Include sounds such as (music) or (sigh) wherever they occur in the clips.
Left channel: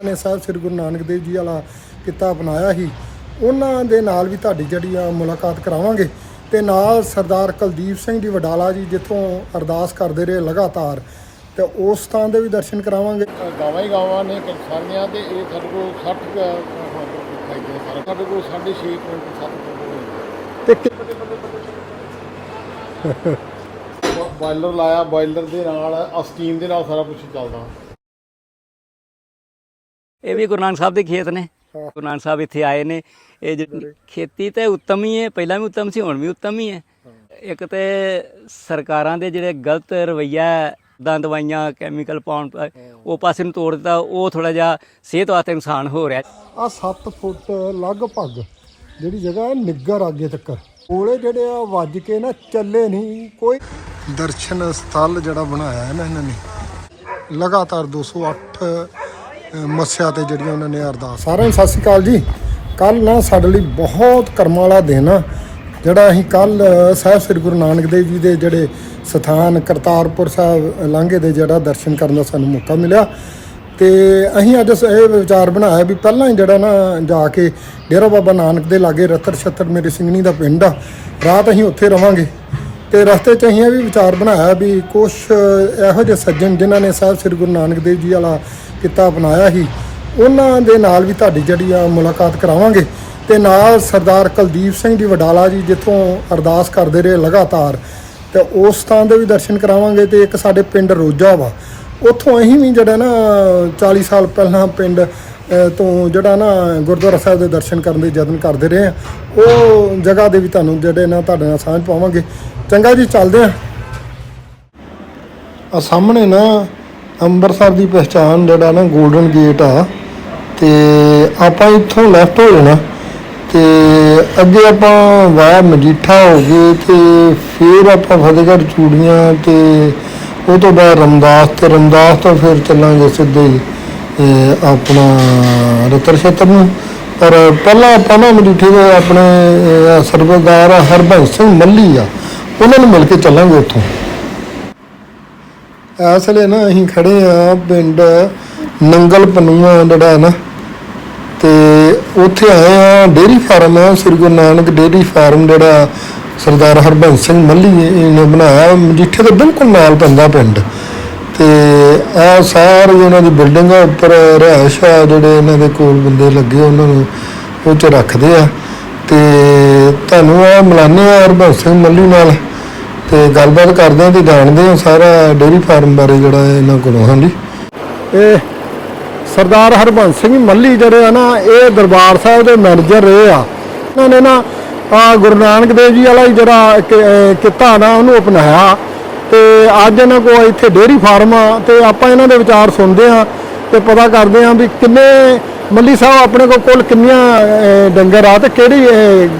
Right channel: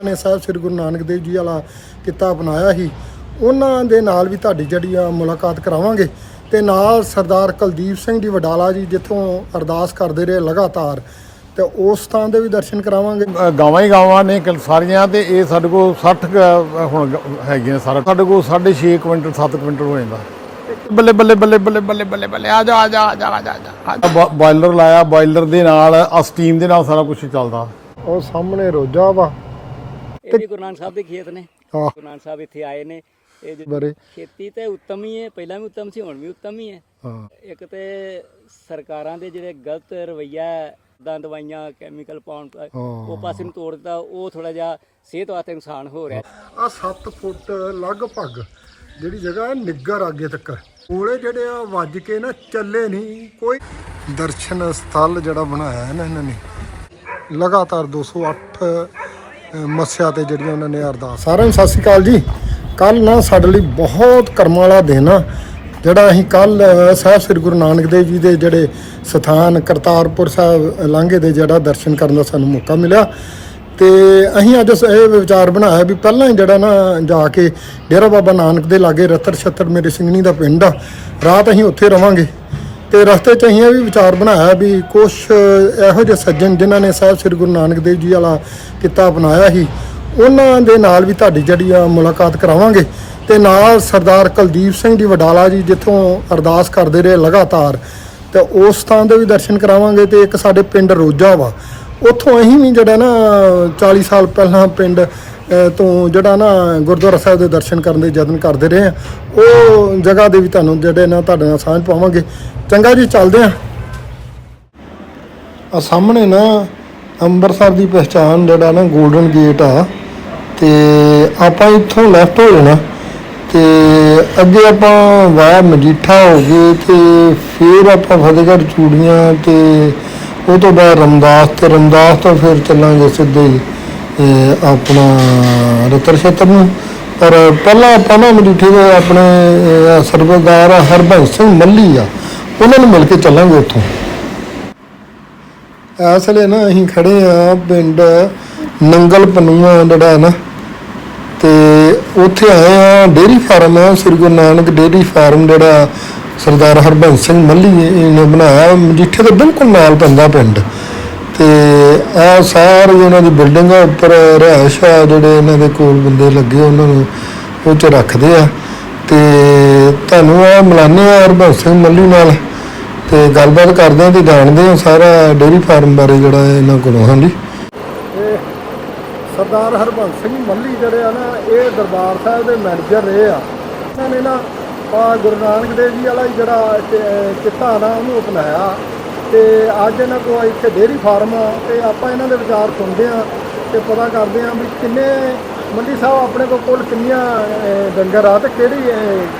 ਨੇ ਸਾਹਿਬ ਸ੍ਰੀ ਗੁਰੂ ਨਾਨਕ ਦੇਵ ਜੀ ਵਾਲਾ ਕਿੱਤਾ ਅਪਣਾਇਆ ਸੀ। ਉਹਨਾਂ ਦੇ ਨਾਲ ਵੀ ਤੁਹਾਡੀ ਜਿਹੜੀ ਆ ਮੁਲਾਕਾਤ ਕਰਾਵਾਂਗੇ ਤੇ ਨਾਲ ਸਰਦਾਰ ਕੁਲਦੀਪ ਸਿੰਘ ਜੀ ਵਡਾਲਾ ਜੀ ਜਿੱਥੋਂ ਅਰਦਾਸ ਕਰਦੇ ਰਹੇ ਲਗਾਤਾਰ ਤੇ ਉਸ ਥਾਂ ਦੇ ਵੀ ਦਰਸ਼ਨ ਕਰਾਵਾਂਗੇ। ਗਾਵਾਂ ਹੀ ਗਾਵਾਂ ਨੇ ਸਾਰੀਆਂ ਤੇ ਇਹ ਸਾਡੇ ਕੋਲ 60 ਕੁ ਹੁਣ ਹੈਗੀਆਂ ਸਾਰਾ। ਸਾਡੇ ਕੋਲ 6.5 ਕੁਇੰਟਲ 7 ਕੁਇੰਟਲ ਹੋ ਜਾਂਦਾ। ਤੇ ਕਿ ਬੱਲੇ ਬੱਲੇ ਬੱਲੇ ਬੱਲੇ ਬੱਲੇ ਬੱਲੇ ਬੱਲੇ ਆ ਜਾ ਆ ਜਾ ਆ ਜਾ ਆ ਜਾ, ਆ ਜਾ ਬਾਇਲਰ ਲਾਇਆ ਬਾਇਲਰ ਦੇ ਨਾਲ ਆ ਸਟੀਮ ਦੇ ਨਾਲ ਸਾਰਾ ਕੁਝ ਚੱਲਦਾ। ਉਹ ਸਾਹਮਣੇ ਰੋਜਾ ਵਾ। ਇਹ ਵੀ ਗੁਰੂ ਨਾਨਕ ਸਾਹਿਬ ਦੇ ਖੇਤ ਨੇ। ਗੁਰੂ ਨਾਨਕ ਸਾਹਿਬ ਇੱਥੇ ਆਏ ਨੇ। ਇਹ ਜਿਹੜੀ। ਖੇਤੀ ਤਾਂ ਉੱਤਮ ਹੀ ਹੈ ਪਹਿਲਾਂ ਵੀ ਉੱਤਮ ਸੀ ਹੁਣ ਵੀ ਉੱਤਮ ਹੀ ਹੈ। ਇੱਕ ਤੇ ਸਰਕਾਰਾਂ ਦੇ ਜਿਹੜੇ ਗਲਤ ਰਵਈਆ ਦਾਂ ਦਵਾਈਆਂ ਕੈਮੀਕਲ ਪਾਉਣ ਉਹ ਪਾਸੇ ਨੂੰ ਤੋੜ ਦਿੱਤਾ ਉਹ ਥੋੜਾ ਜਿਹਾ ਸਿਹਤ ਵਾਸਤੇ ਨੁਕਸਾਨ ਹੋ ਰਿਹਾ। ਆ 7 ਫੁੱਟ ਲਗਭਗ ਜਿਹੜੀ ਜਗ੍ਹਾ ਹੈ ਨਿੱਗਰ ਅੱਗੇ ਤੱਕ। ਕੋਲੇ ਜਿਹੜੇ ਆ ਵੱਜ ਕੇ ਨਾ ਚੱਲੇ ਨਹੀਂ ਕੋਈ ਦਰਸ਼ਨ ਸਥਲ ਜਿਹੜਾ ਬਣਾਇਆ ਹੈ ਨਾ ਇਹਨਾਂ ਨੇ। ਲਗਾਤਾਰ 208 ਅ, ਮੱਸਿਆ ਤੇ ਜਿਹੜੀਆਂ ਉਹਨਾਂ ਨੇ ਅਰਦਾਸ। ਸਾਰਿਆਂ ਨੂੰ ਸਤਿ ਸ਼੍ਰੀ ਅਕਾਲ ਜੀ। ਕੱਲ ਨਾ ਸਾਡੇ ਲਈ ਬਹੁਤ ਕਰਮਾਂ ਵਾਲਾ ਦਿਨ ਆ। ਜਿਹੜਾ ਅਸੀਂ ਕੱਲ ਸਾਹਿਬ ਸ੍ਰੀ ਗੁਰੂ ਨਾਨਕ ਦੇਵ ਜੀ ਦੇ ਜਿਹੜੇ ਸਥਾਨ ਕਰਤਾਰਪੁਰ ਸਾਹਿਬ ਲਾਂਘੇ ਦੇ ਜਿਹੜਾ ਦਰਸ਼ਨ ਕਰਨ ਦਾ ਸਾਨੂੰ ਮੌਕਾ ਮਿਲਿਆ। ਤੇ ਅਸੀਂ ਅੱਜ ਇਹ ਵਿਚਾਰ ਬਣਾਇਆ ਵੀ ਪਹਿਲਾਂ ਹੀ ਜਿਹੜਾ ਨਾ ਜਾ ਕੇ ਡੇਰਾ ਬਾਬਾ ਨਾਨਕ ਦੇ ਲਾਗੇ ਰਤਰ ਛੱਤਰ ਮੇਰੇ ਸਿੰਘਣੀ ਦਾ ਪਿੰਡ ਆ। ਰਾਤ ਅਸੀਂ ਉੱਥੇ ਰਵਾਂਗੇ। ਤੇ ਰਸਤੇ 'ਚ ਅਸੀਂ ਇਹ ਵੀ ਵਿਚਾਰ ਬਣਾਇਆ ਵੀ ਕੁਝ ਇਹੋ ਜਿਹੇ ਸੱਜਣ ਜਿਨ੍ਹਾਂ ਨੇ ਸਾਹਿਬ ਸ੍ਰੀ ਗੁਰੂ ਨਾਨਕ ਦੇਵ ਜੀ ਵਾਲਾ ਕਿੱਤਾ ਅਪਣਾਇਆ ਸੀ, ਉਹਨਾਂ ਦੇ ਨਾਲ ਵੀ ਤੁਹਾਡੀ ਜਿਹੜੀ ਆ ਮੁਲਾਕਾਤ ਕਰਾਵਾਂਗੇ ਤੇ ਨਾਲ ਸਰਦਾਰ ਕੁਲਦੀਪ ਸਿੰਘ ਜੀ ਵਡਾਲਾ ਜੀ ਜਿੱਥੋਂ ਅਰਦਾਸ ਕਰਦੇ ਰਹੇ ਲਗਾਤਾਰ, ਤੇ ਉਸ ਥਾਂ ਦੇ ਵੀ ਦਰਸ਼ਨ ਕਰਾਵਾਂਗੇ ਤੇ ਇੱਕ ਸਾਡੇ ਪਿੰਡ ਰੋਜਾ ਵਾ, ਉੱਥੋਂ ਅਸੀਂ ਵੀ ਜਿਹੜਾ ਨਾ 40 ਸਾਲ ਪਹਿਲਾਂ ਪਿੰਡ ਤੋਂ ਜਿਹੜਾ ਨਾ ਗੁਰਦੁਆਰਾ ਸਾਹਿਬ ਦੇ ਦਰਸ਼ਨ ਕਰਨ ਦੇ ਯਤਨ ਕਰਦੇ ਰਹੇ ਆ, ਉਹ ਜਗ੍ਹਾ ਦੇ ਵੀ ਤੁਹਾਨੂੰ ਜਿਹੜੇ ਨਾ ਤੁਹਾਡੇ ਨਾਲ ਸਾਂਝ ਪਾਵਾਂਗੇ ਚੰਗਾ ਜੀ ਚੱਲਦੇ ਆ ਆ ਸਾਹਮਣੇ ਨਾ ਅੰਮ੍ਰਿਤਸਰ ਦੀ ਪਛਾਣ ਜਿਹੜਾ ਨਾ 골ਡਨ ਗੇਟ ਆ ਤੇ ਆਪਾਂ ਇੱਥੋਂ ਲੈਫਟ ਹੋ ਜਾਣਾ ਤੇ ਅੱਗੇ ਆਪਾਂ ਵਾਇਆ ਮਜੀਠਾ ਹੋ ਗਏ ਤੇ ਫਿਰ ਆਪਾਂ ਫਤਿਹਗੜ੍ਹ ਚੂੜੀਆਂ ਤੇ ਉਹ ਤੋਂ ਬਾਅਦ ਰਮਦਾਸ ਤੇ ਰਮਦਾਸ ਤੋਂ ਫਿਰ ਚੱਲਾਂਗੇ ਸਿੱਧੇ ਹੀ, ਆਪਣਾ ਰਤਰ ਛੇਤਰ ਨੂੰ। ਪਰ ਪਹਿਲਾਂ ਆਪਾਂ ਨਾ ਮਜੀਠੇ ਦੇ ਆਪਣੇ ਅਹ, ਸਰਬਦਾਰ ਹਰਬੰਸ ਸਿੰਘ ਮੱਲੀ ਆ ਉਹਨਾਂ ਨੂੰ ਮਿਲ ਕੇ ਚੱਲਾਂਗੇ ਉੱਥੋਂ। ਇਸ ਵੇਲੇ ਨਾ ਅਸੀਂ ਖੜੇ ਆ ਪਿੰਡ ਨੰਗਲ ਪਨੂਆ ਜਿਹੜਾ ਹੈ ਨਾ, ਤੇ ਉੱਥੇ ਆਏ ਆ ਡੇਰੀ ਫਾਰਮ ਆ ਸ੍ਰੀ ਗੁਰੂ ਨਾਨਕ ਡੇਰੀ ਫਾਰਮ ਜਿਹੜਾ ਸਰਦਾਰ ਹਰਬੰਸ ਸਿੰਘ ਮੱਲੀ ਨੇ ਬਣਾਇਆ ਮਜੀਠੇ ਦੇ ਬਿਲਕੁਲ ਨਾਲ ਪੈਂਦਾ ਪਿੰਡ। ਤੇ ਆ ਸਾਰੇ ਉਹਨਾਂ ਦੀ ਬਿਲਡਿੰਗ ਆ ਉੱਪਰ ਰਿਹਾਇਸ਼ ਆ, ਜਿਹੜੇ ਇਹਨਾਂ ਦੇ ਕੋਲ ਬੰਦੇ ਲੱਗੇ ਉਹਨਾਂ ਨੂੰ ਉਹ ਚ ਰੱਖਦੇ ਆ। ਤੇ ਤੁਹਾਨੂੰ ਆ ਮਿਲਾਨੇ ਆ ਹਰਬੰਸ ਸਿੰਘ ਮੱਲੀ ਨਾਲ। ਤੇ ਗੱਲਬਾਤ ਕਰਦੇ ਹਾਂ ਤੇ ਜਾਣਦੇ ਆ ਸਾਰਾ ਡੇਰੀ ਫਾਰਮ ਬਾਰੇ ਜਿਹੜਾ ਇਹਨਾਂ ਕੋਲੋਂ, ਹਾਂਜੀ। ਇਹ ਸਰਦਾਰ ਹਰਬੰਸ ਸਿੰਘ ਮੱਲੀ ਜਿਹੜੇ ਆ ਨਾ, ਇਹ ਦਰਬਾਰ ਸਾਹਿਬ ਦੇ ਮੈਨੇਜਰ ਰਹੇ ਆ। ਉਹਨਾਂ ਨੇ ਨਾ, ਆ ਗੁਰੂ ਨਾਨਕ ਦੇਵ ਜੀ ਵਾਲਾ ਹੀ ਜਿਹੜਾ ਕਿੱਤਾ ਨਾ ਉਹਨੂੰ ਅਪਣਾਇਆ। ਤੇ ਅੱਜ ਇਹਨਾਂ ਕੋਲ ਇੱਥੇ ਡੇਅਰੀ ਫਾਰਮ ਆ, ਤੇ ਆਪਾਂ ਇਹਨਾਂ ਦੇ ਵਿਚਾਰ ਸੁਣਦੇ ਆ ਤੇ ਪਤਾ ਕਰਦੇ ਆ ਵੀ ਕਿੰਨੇ ਮੱਲੀ ਸਾਹਿਬ ਆਪਣੇ ਕੋਲ ਕੁੱਲ ਕਿੰਨੀਆਂ ਡੰਗਰ ਆ ਤੇ ਕਿਹੜੀ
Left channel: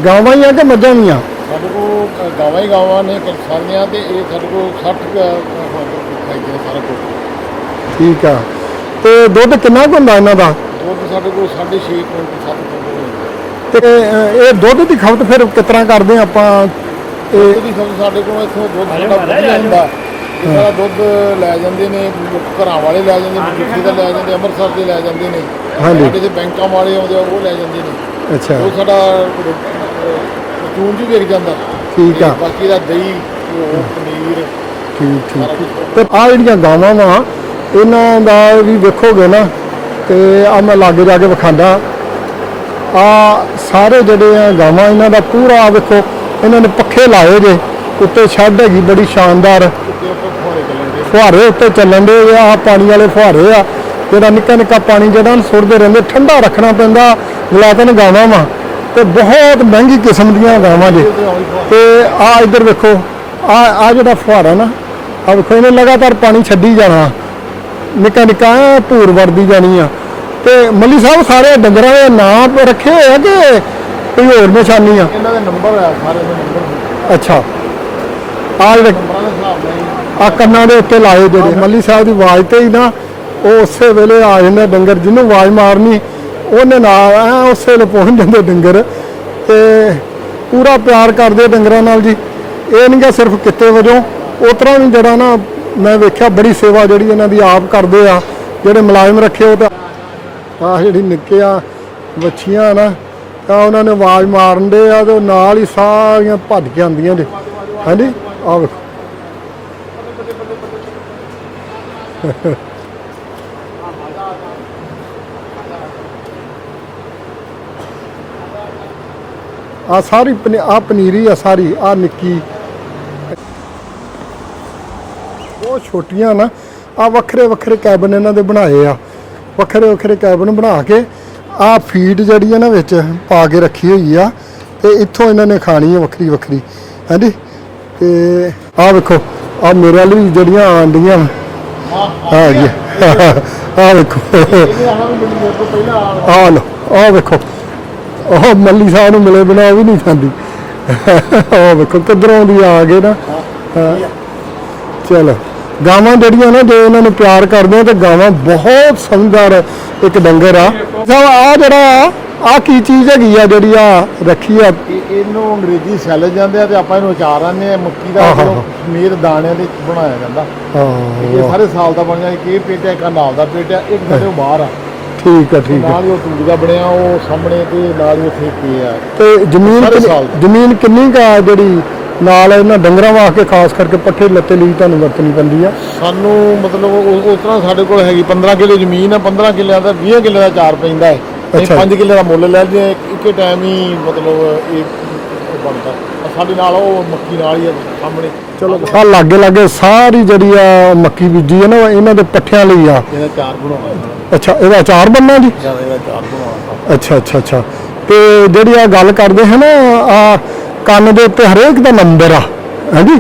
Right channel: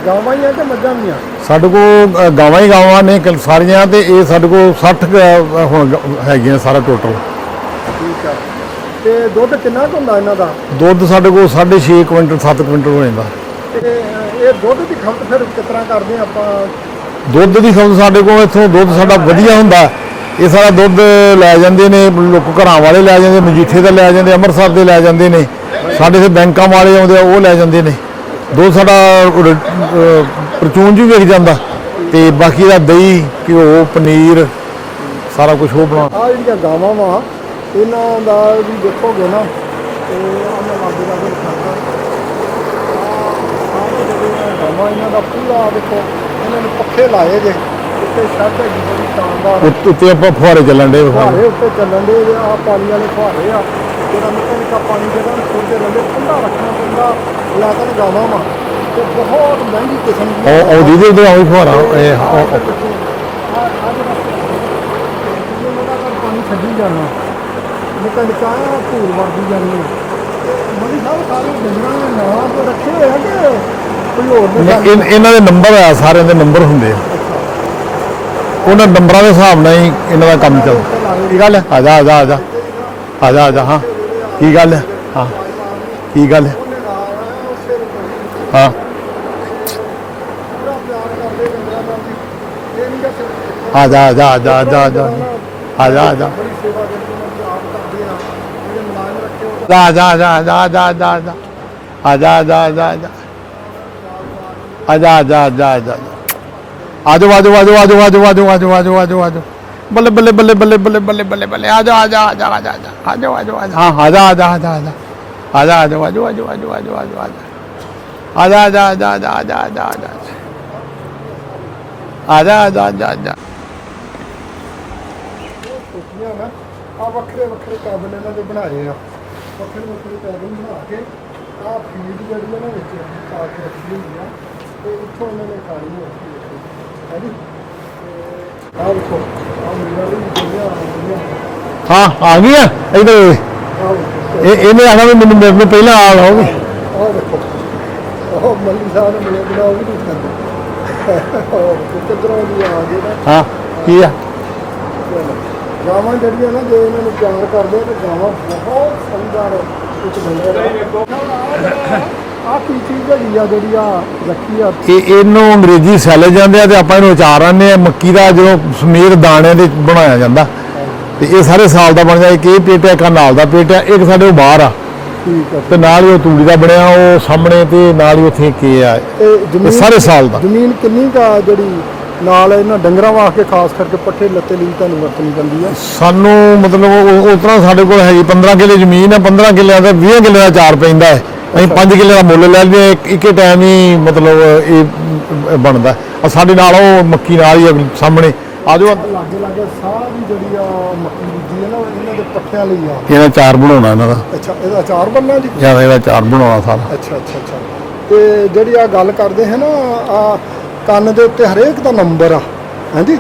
ਗਾਵਾਂ ਹੀ ਆ ਕਿ ਮੱਝਾਂ ਵੀ ਆ? ਸਾਡੇ ਕੋਲ ਅ, ਗਾਵਾਂ ਹੀ ਗਾਵਾਂ ਨੇ ਕਿ ਸਾਰੀਆਂ ਤੇ ਇਹ ਸਾਡੇ ਕੋਲ 60 ਕੁ, ਅ, ਹੁਣ ਗ- ਹੈਗੀਆਂ ਸਾਰਾ ਟੋਟਲ ਠੀਕ ਆ। ਤੇ ਦੁੱਧ ਕਿੰਨਾ ਕੁ ਹੁੰਦਾ ਇਹਨਾਂ ਦਾ? ਦੁੱਧ ਸਾਡੇ ਕੋਲ 6.5 ਕੁਇੰਟਲ 7 ਕੁਇੰਟਲ ਹੋ ਜਾਂਦਾ। ਤੇ ਇਹ ਦੁੱਧ ਦੀ ਖਪਤ ਫਿਰ ਕਿਸ ਤਰ੍ਹਾਂ ਕਰਦੇ ਆ ਆਪਾਂ? ਦੁੱਧ ਦੀ ਖਪਤ ਸਾਡੇ ਕੋਲ ਇੱਥੋਂ ਦੁੱਧ ਸਾਡਾ ਵਧੀਆ ਹੁੰਦਾ। ਇਹ ਸਾਰਾ ਦੁੱਧ ਲੈ ਜਾਂਦੇ ਨੇ ਲੋਕ ਘਰਾਂ ਵਾਲੇ ਲੈ ਜਾਂਦੇ ਮਜੀਠੇ ਦਾ ਲੈ ਜਾਂਦੇ ਅੰਮ੍ਰਿਤਸਰ ਦੇ ਲੈ ਜਾਂਦੇ ਨੇ। ਸਾਡੇ ਇੱਥੇ ਬੈਂਕਾਂ ਵਾਲੇ ਆਉਂਦੇ ਆ ਉਹ ਲੈ ਜਾਂਦੇ ਨੇ। ਅੱਛਾ। ਦੁੱਧ ਸਾਡਾ ਪਰਚੂਨ ਜੀ ਵਿਕ ਜਾਂਦਾ। ਠੀਕ ਤੇ ਆ। ਬਾਕੀ ਦਾ ਦਹੀਂ ਘਿਓ ਪਨੀਰ ਸਾਰਾ ਕੁਝ ਉਹ ਬਣਾ। ਆ ਜਿਹੜੀਆਂ ਗਾਵਾਂ ਵਾ ਇਹਨਾਂ ਦਾ ਵੀ ਵੇਖੋਗੇ ਨਾ ਤੇ ਆ ਮੈਂ ਲਾਗੇ ਜਾ ਕੇ ਵਿਖਾਂਦਾ ਆ ਸਾਰੇ ਜਿਹੜੇ ਆ ਗਾਵਾਂ ਇਹਨਾਂ ਦਾ ਪੂਰਾ ਵੇਖੋ ਇਹਨਾਂ ਨੇ ਪੱਖੇ ਲਾਏ ਜੇ ਉੱਤੇ ਛੱਡ ਹੈਗੀ ਬੜੀ ਸ਼ਾਨਦਾਰ। ਉੱਤੇ ਆਪਾਂ ਫੁਹਾਰੇ ਚੱਲਣ ਦੇ ਫੁਹਾਰੇ ਉੱਤੇ ਚੱਲਣ ਦੇ ਆ ਪਾਣੀ ਵਾਲੇ ਫੁਹਾਰੇ ਆ। ਜਿਹੜਾ ਨਿੱਕਾ ਨਿੱਕਾ ਪਾਣੀ ਜਿਹੜਾ ਨਾ ਸੁੱਟਦੇ ਰਹਿੰਦੇ ਠੰਡਾ ਰੱਖਣਾ ਪੈਂਦਾ। ਮੁਲਾਜ਼ਮ ਗਾਵਾਂ ਵਾ। ਤੇ ਬਹੁਤ ਮਹਿੰਗੀ ਕਿਸਮ ਦੀਆਂ ਗਾਵਾਂ ਜੀ ਉਧਰ ਆਉਂ ਫੁਹਾਰਾ ਤੇ ਆ ਇੱਧਰ ਵੇਖੋ ਆ ਆ ਜਿਹੜਾ ਫੁਹਾਰਾ ਨਾ ਆ ਵੇਖੋ ਇਹਨੇ ਲਗਾਤਾਰ ਪਾਣੀ ਛੱਡੀ ਜਾਣਾ। ਨਿੱਕਾ ਨਿੱਕਾ ਭੂਰ ਵਰਦੀ ਜਾਣੀ ਆ। ਤੇ ਮੱਲੀ ਸਾਹਿਬ ਸਾਰੇ ਡੰਗਰਾਂ ਦੇ ਨਾਮ ਰੱਖੇ ਹੈ ਕਿ ਕੋਈ ਹੋਰ ਨਿਸ਼ਾਨੀ ਇਹਨਾਂ ਦੇ ਨੰਬਰ ਆ ਸਾਰਿਆਂ ਦੇ ਨੰਬਰ ਹੁੰਦੇ ਅੱਛਾ। ਉਹਨਾਂ ਨੰਬਰਾਂ ਦੇ ਹਿਸਾਬ ਨਾਲ ਹੀ ਇਹਨਾਂ ਦਾ ਕੰਮ ਕੰਨਾਂ ਦੇ ਉੱਤੇ ਲਾਏ ਜਿਹੜੇ ਮੱਲੀ ਸਾਹਿਬ ਦੀ ਆਵਾਜ਼ ਤੇ ਹੀ ਨਾ ਉਸੇ ਵੇਲੇ ਆ ਜਾਂਦਾ? ਡੰਗਰ ਜਿਹਨੂੰ ਆਵਾਜ਼ ਮਾਰਨੀ ਕੀ ਗੱਲ? ਉਹਨੇ ਨਾਲ ਉਸੇ ਵੇਲੇ ਪਹੁੰਚ ਜਾਂਦੇ ਡੰਗਰ ਤੇ ਪੂਰਾ ਪਿਆਰ ਕਰਦੇ ਡੰਗਰਾਂ ਨਾਲ ਜੀ ਇਹ ਨਹੀਂ ਕਿ ਸਿਰਫ ਕਿੱਤੇ ਵਜੋਂ ਉਤਰਾ ਜਿਹੜਾ ਨਾ ਮੈਂ ਵੇਖਿਆ ਬੜੀ ਸੇਵਾ ਜਿਹੜੀ ਇਹਨਾਂ ਦੀ ਆਪ ਕਰਦੇ ਆ ਜਿਹੜੇ ਮੁਲਾਜ਼ਮ ਰੱਖੇ ਉਹ ਤਾਂ ਆ ਜਾ ਜਾ ਜਾ ਜਾ, ਜਾ, ਆ ਜਾ ਜਾ। ਤਾਂ ਉਹਨਾਂ ਨੇ ਆਵਾਜ਼ ਮਾਰਨ ਦੇ ਨਾਲ ਹੀ। ਸਾਰੀਆਂ ਭੱਜ ਕੇ ਆਉਂਦੀਆਂ ਆਜੋ ਆਜੋ ਆਜੋ ਆਜੋ ਆਜੋ ਆਜੋ ਆਜੋ ਆਜੋ ਆਜੋ ਬੱਲੇ ਬੱਲੇ ਬੱਲੇ ਬੱਲੇ ਬੱਲੇ ਬੱਲੇ ਬੱਲੇ ਬੱਲੇ ਆਜੋ ਆਜੋ ਆਜੋ ਆਜੋ ਆਜੋ ਆਜੋ ਆਜੋ ਹਾਂ ਆਜਾ ਆਜਾ ਆਜਾ ਆਜਾ ਆਜਾ ਆਜੋ ਆਜੋ ਆਜੋ ਆਜੋ ਆਜੋ ਆਜੋ ਆਜਾ ਆਜਾ ਆਜਾ ਆਜਾ ਆਜਾ ਆਜਾ ਆ ਸਾਰੀ ਪਨੀ- ਆ ਪਨੀਰੀ ਆ ਸਾਰੀ ਆ ਨਿੱਕੀ ਆਜਾ ਆਜਾ ਆਜਾ ਆਜਾ ਬਹੁਤ ਛੋਟੀਆਂ ਨਾ ਆ ਵੱਖਰੇ ਵੱਖਰੇ ਕੈਬਨ ਇਹਨਾਂ ਦੇ ਬਣਾਏ ਆ ਵੱਖਰੇ ਵੱਖਰੇ ਕੈਬਨ ਬਣਾ ਕੇ ਆ ਫੀਡ ਜਿਹੜੀ ਆ ਨਾ ਵਿੱਚ ਪਾ ਕੇ ਰੱਖੀ ਹੋਈ ਆ ਤੇ ਇੱਥੋਂ ਇਹਨਾਂ ਨੇ ਖਾਣੀ ਆ ਵੱਖਰੀ ਵੱਖਰੀ ਹਾਂਜੀ ਤੇ ਆ ਵੇਖੋ ਆ ਮੇਰੇ ਵਾਲੀ ਵੀ ਜਿਹੜੀਆਂ ਆਂਡੀਆਂ ਹਾਂ ਆ ਗਈ ਹੈ (laughs) ਆ ਵੇਖੋ। ਇਹਨੇ ਆਣਾ ਵੀ ਮੈਨੂੰ ਮੇਰੇ ਪਹਿਲਾਂ ਆ ਆ ਲੋ ਆ ਵੇਖੋ। ਉਹ ਮੱਲੀ ਸਾਹਿਬ ਨੂੰ ਮਿਲੇ ਬਿਨਾ ਉਹ ਵੀ ਨਹੀਂ ਖਾਂਦੀ। ਉਹ ਵੇਖੋ ਕਿੱਧਰੋਂ ਦੀ ਆ ਗਏ ਨਾ। ਹਾਂ ਕੀ ਆ? ਚਲੋ ਗਾਵਾਂ ਜਿਹੜੀਆਂ ਨਾ ਜੇ ਇਹਨਾਂ ਨੂੰ ਪਿਆਰ ਕਰਦੇ ਆ ਤੇ ਗਾਵਾਂ ਬਹੁਤ ਸਮਝਦਾਰ ਇੱਕ ਡੰਗਰ ਆ। ਸਭ ਆ ਜਿਹੜਾ ਆ ਆ ਕੀ ਚੀਜ਼ ਹੈਗੀ ਆ ਜਿਹੜੀ ਆ ਰੱਖੀ ਆ? ਇਹ ਇਹਨੂੰ ਅੰਗਰੇਜ਼ੀ ਸੈਲੇ ਜਾਂਦੇ ਆ ਤੇ ਆਪਾਂ ਇਹਨੂੰ ਅਚਾਰ ਆਂਦੇ ਆ ਮੱਕੀ ਦਾ ਜਦੋਂ ਸਮੇਤ ਦਾਣਿਆਂ ਦੇ ਬਣਾਇਆ ਜਾਂਦਾ। ਹਾਂ। ਤੇ ਇਹ ਸਾਰੇ ਸਾਲ ਦਾ ਬਣ ਜਾਏ ਕਿ ਇਹ ਪੇਟ ਹੈ ਇੱਕ ਨਾਲ ਦਾ ਪੇਟ ਹੈ ਇੱਕ ਸਾਡੇ ਬਾਹਰ ਆ। ਠੀਕ ਹੈ ਤੇ ਨਾਲ ਹੀ ਉਹ ਤੂੜੀ ਦਾ ਬਣਿਆ ਉਹ ਸਾਹਮਣੇ ਤੇ ਨਾਲ ਹੀ ਉੱਥੇ ਕੀ ਆ। ਤੇ ਜ਼ਮੀਨ ਸਾਰੇ ਸਾਲ ਦਾ। ਜ਼ਮੀਨ ਕਿੰਨੀ ਕਾ ਜਿਹੜੀ ਨਾਲ ਇਹਨਾਂ ਡੰਗਰਾਂ ਵਾਸਤੇ ਖਾਸ ਕਰਕੇ ਪੱਠੇ ਲੱਤੇ ਲਈ ਤੁਹਾਨੂੰ ਵਰਤਣੀ ਪੈਂਦੀ ਆ? ਸਾਨੂੰ ਮਤਲਬ ਉਹ ਉਸ ਤਰ੍ਹਾਂ ਸਾਡੇ ਕੋਲ ਹੈਗੀ 15 ਕਿੱਲੇ ਜ਼ਮੀਨ ਹੈ 15 ਕਿੱਲਿਆਂ ਦਾ 20 ਕਿੱਲੇ ਦਾ ਚਾਰ ਪੈਂਦਾ ਹੈ। ਅਸੀਂ ਅੱਛਾ। 5 ਕਿੱਲੇ ਦਾ ਮੁੱਲ ਲੈ ਲਈਏ ਇੱਕ ਟਾਈਮ ਹੀ ਮਤਲਬ ਇਹ ਬਣਦਾ। ਸਾਡੇ ਨਾਲ ਉਹ ਮੱਕੀ ਨਾਲ ਹੀ ਸਾਹਮਣੇ। ਆਜੋ ਆ ਲਾਗੇ ਲਾਗੇ ਸਾਰੀ ਜਿਹੜੀ ਆ ਮੱਕੀ ਬੀਜੀ ਹੈ ਨਾ ਇਹਨਾਂ ਦੇ ਪੱਠਿਆਂ ਲਈ ਆ। ਇਹਦਾ ਚਾਰ ਬਣਾਉਣਾ ਇਹਨਾਂ ਦਾ। ਅੱਛਾ ਇਹਦਾ ਅਚਾਰ ਬੰਨਾ ਜੀ? ਜ਼ਿਆਦਾ ਇਹਦਾ ਚਾਰ ਬਣਾਉਣਾ ਸਾਰਾ। ਅੱਛਾ ਅੱਛਾ ਅੱਛਾ। ਤੇ ਜਿਹੜੀ ਆ ਗੱਲ ਕਰਦੇ ਹੈ ਨਾ ਆ ਕੰਨ ਦੇ ਉੱਤੇ ਹਰੇਕ ਦਾ ਨੰਬਰ ਆ। ਹਾਂਜੀ?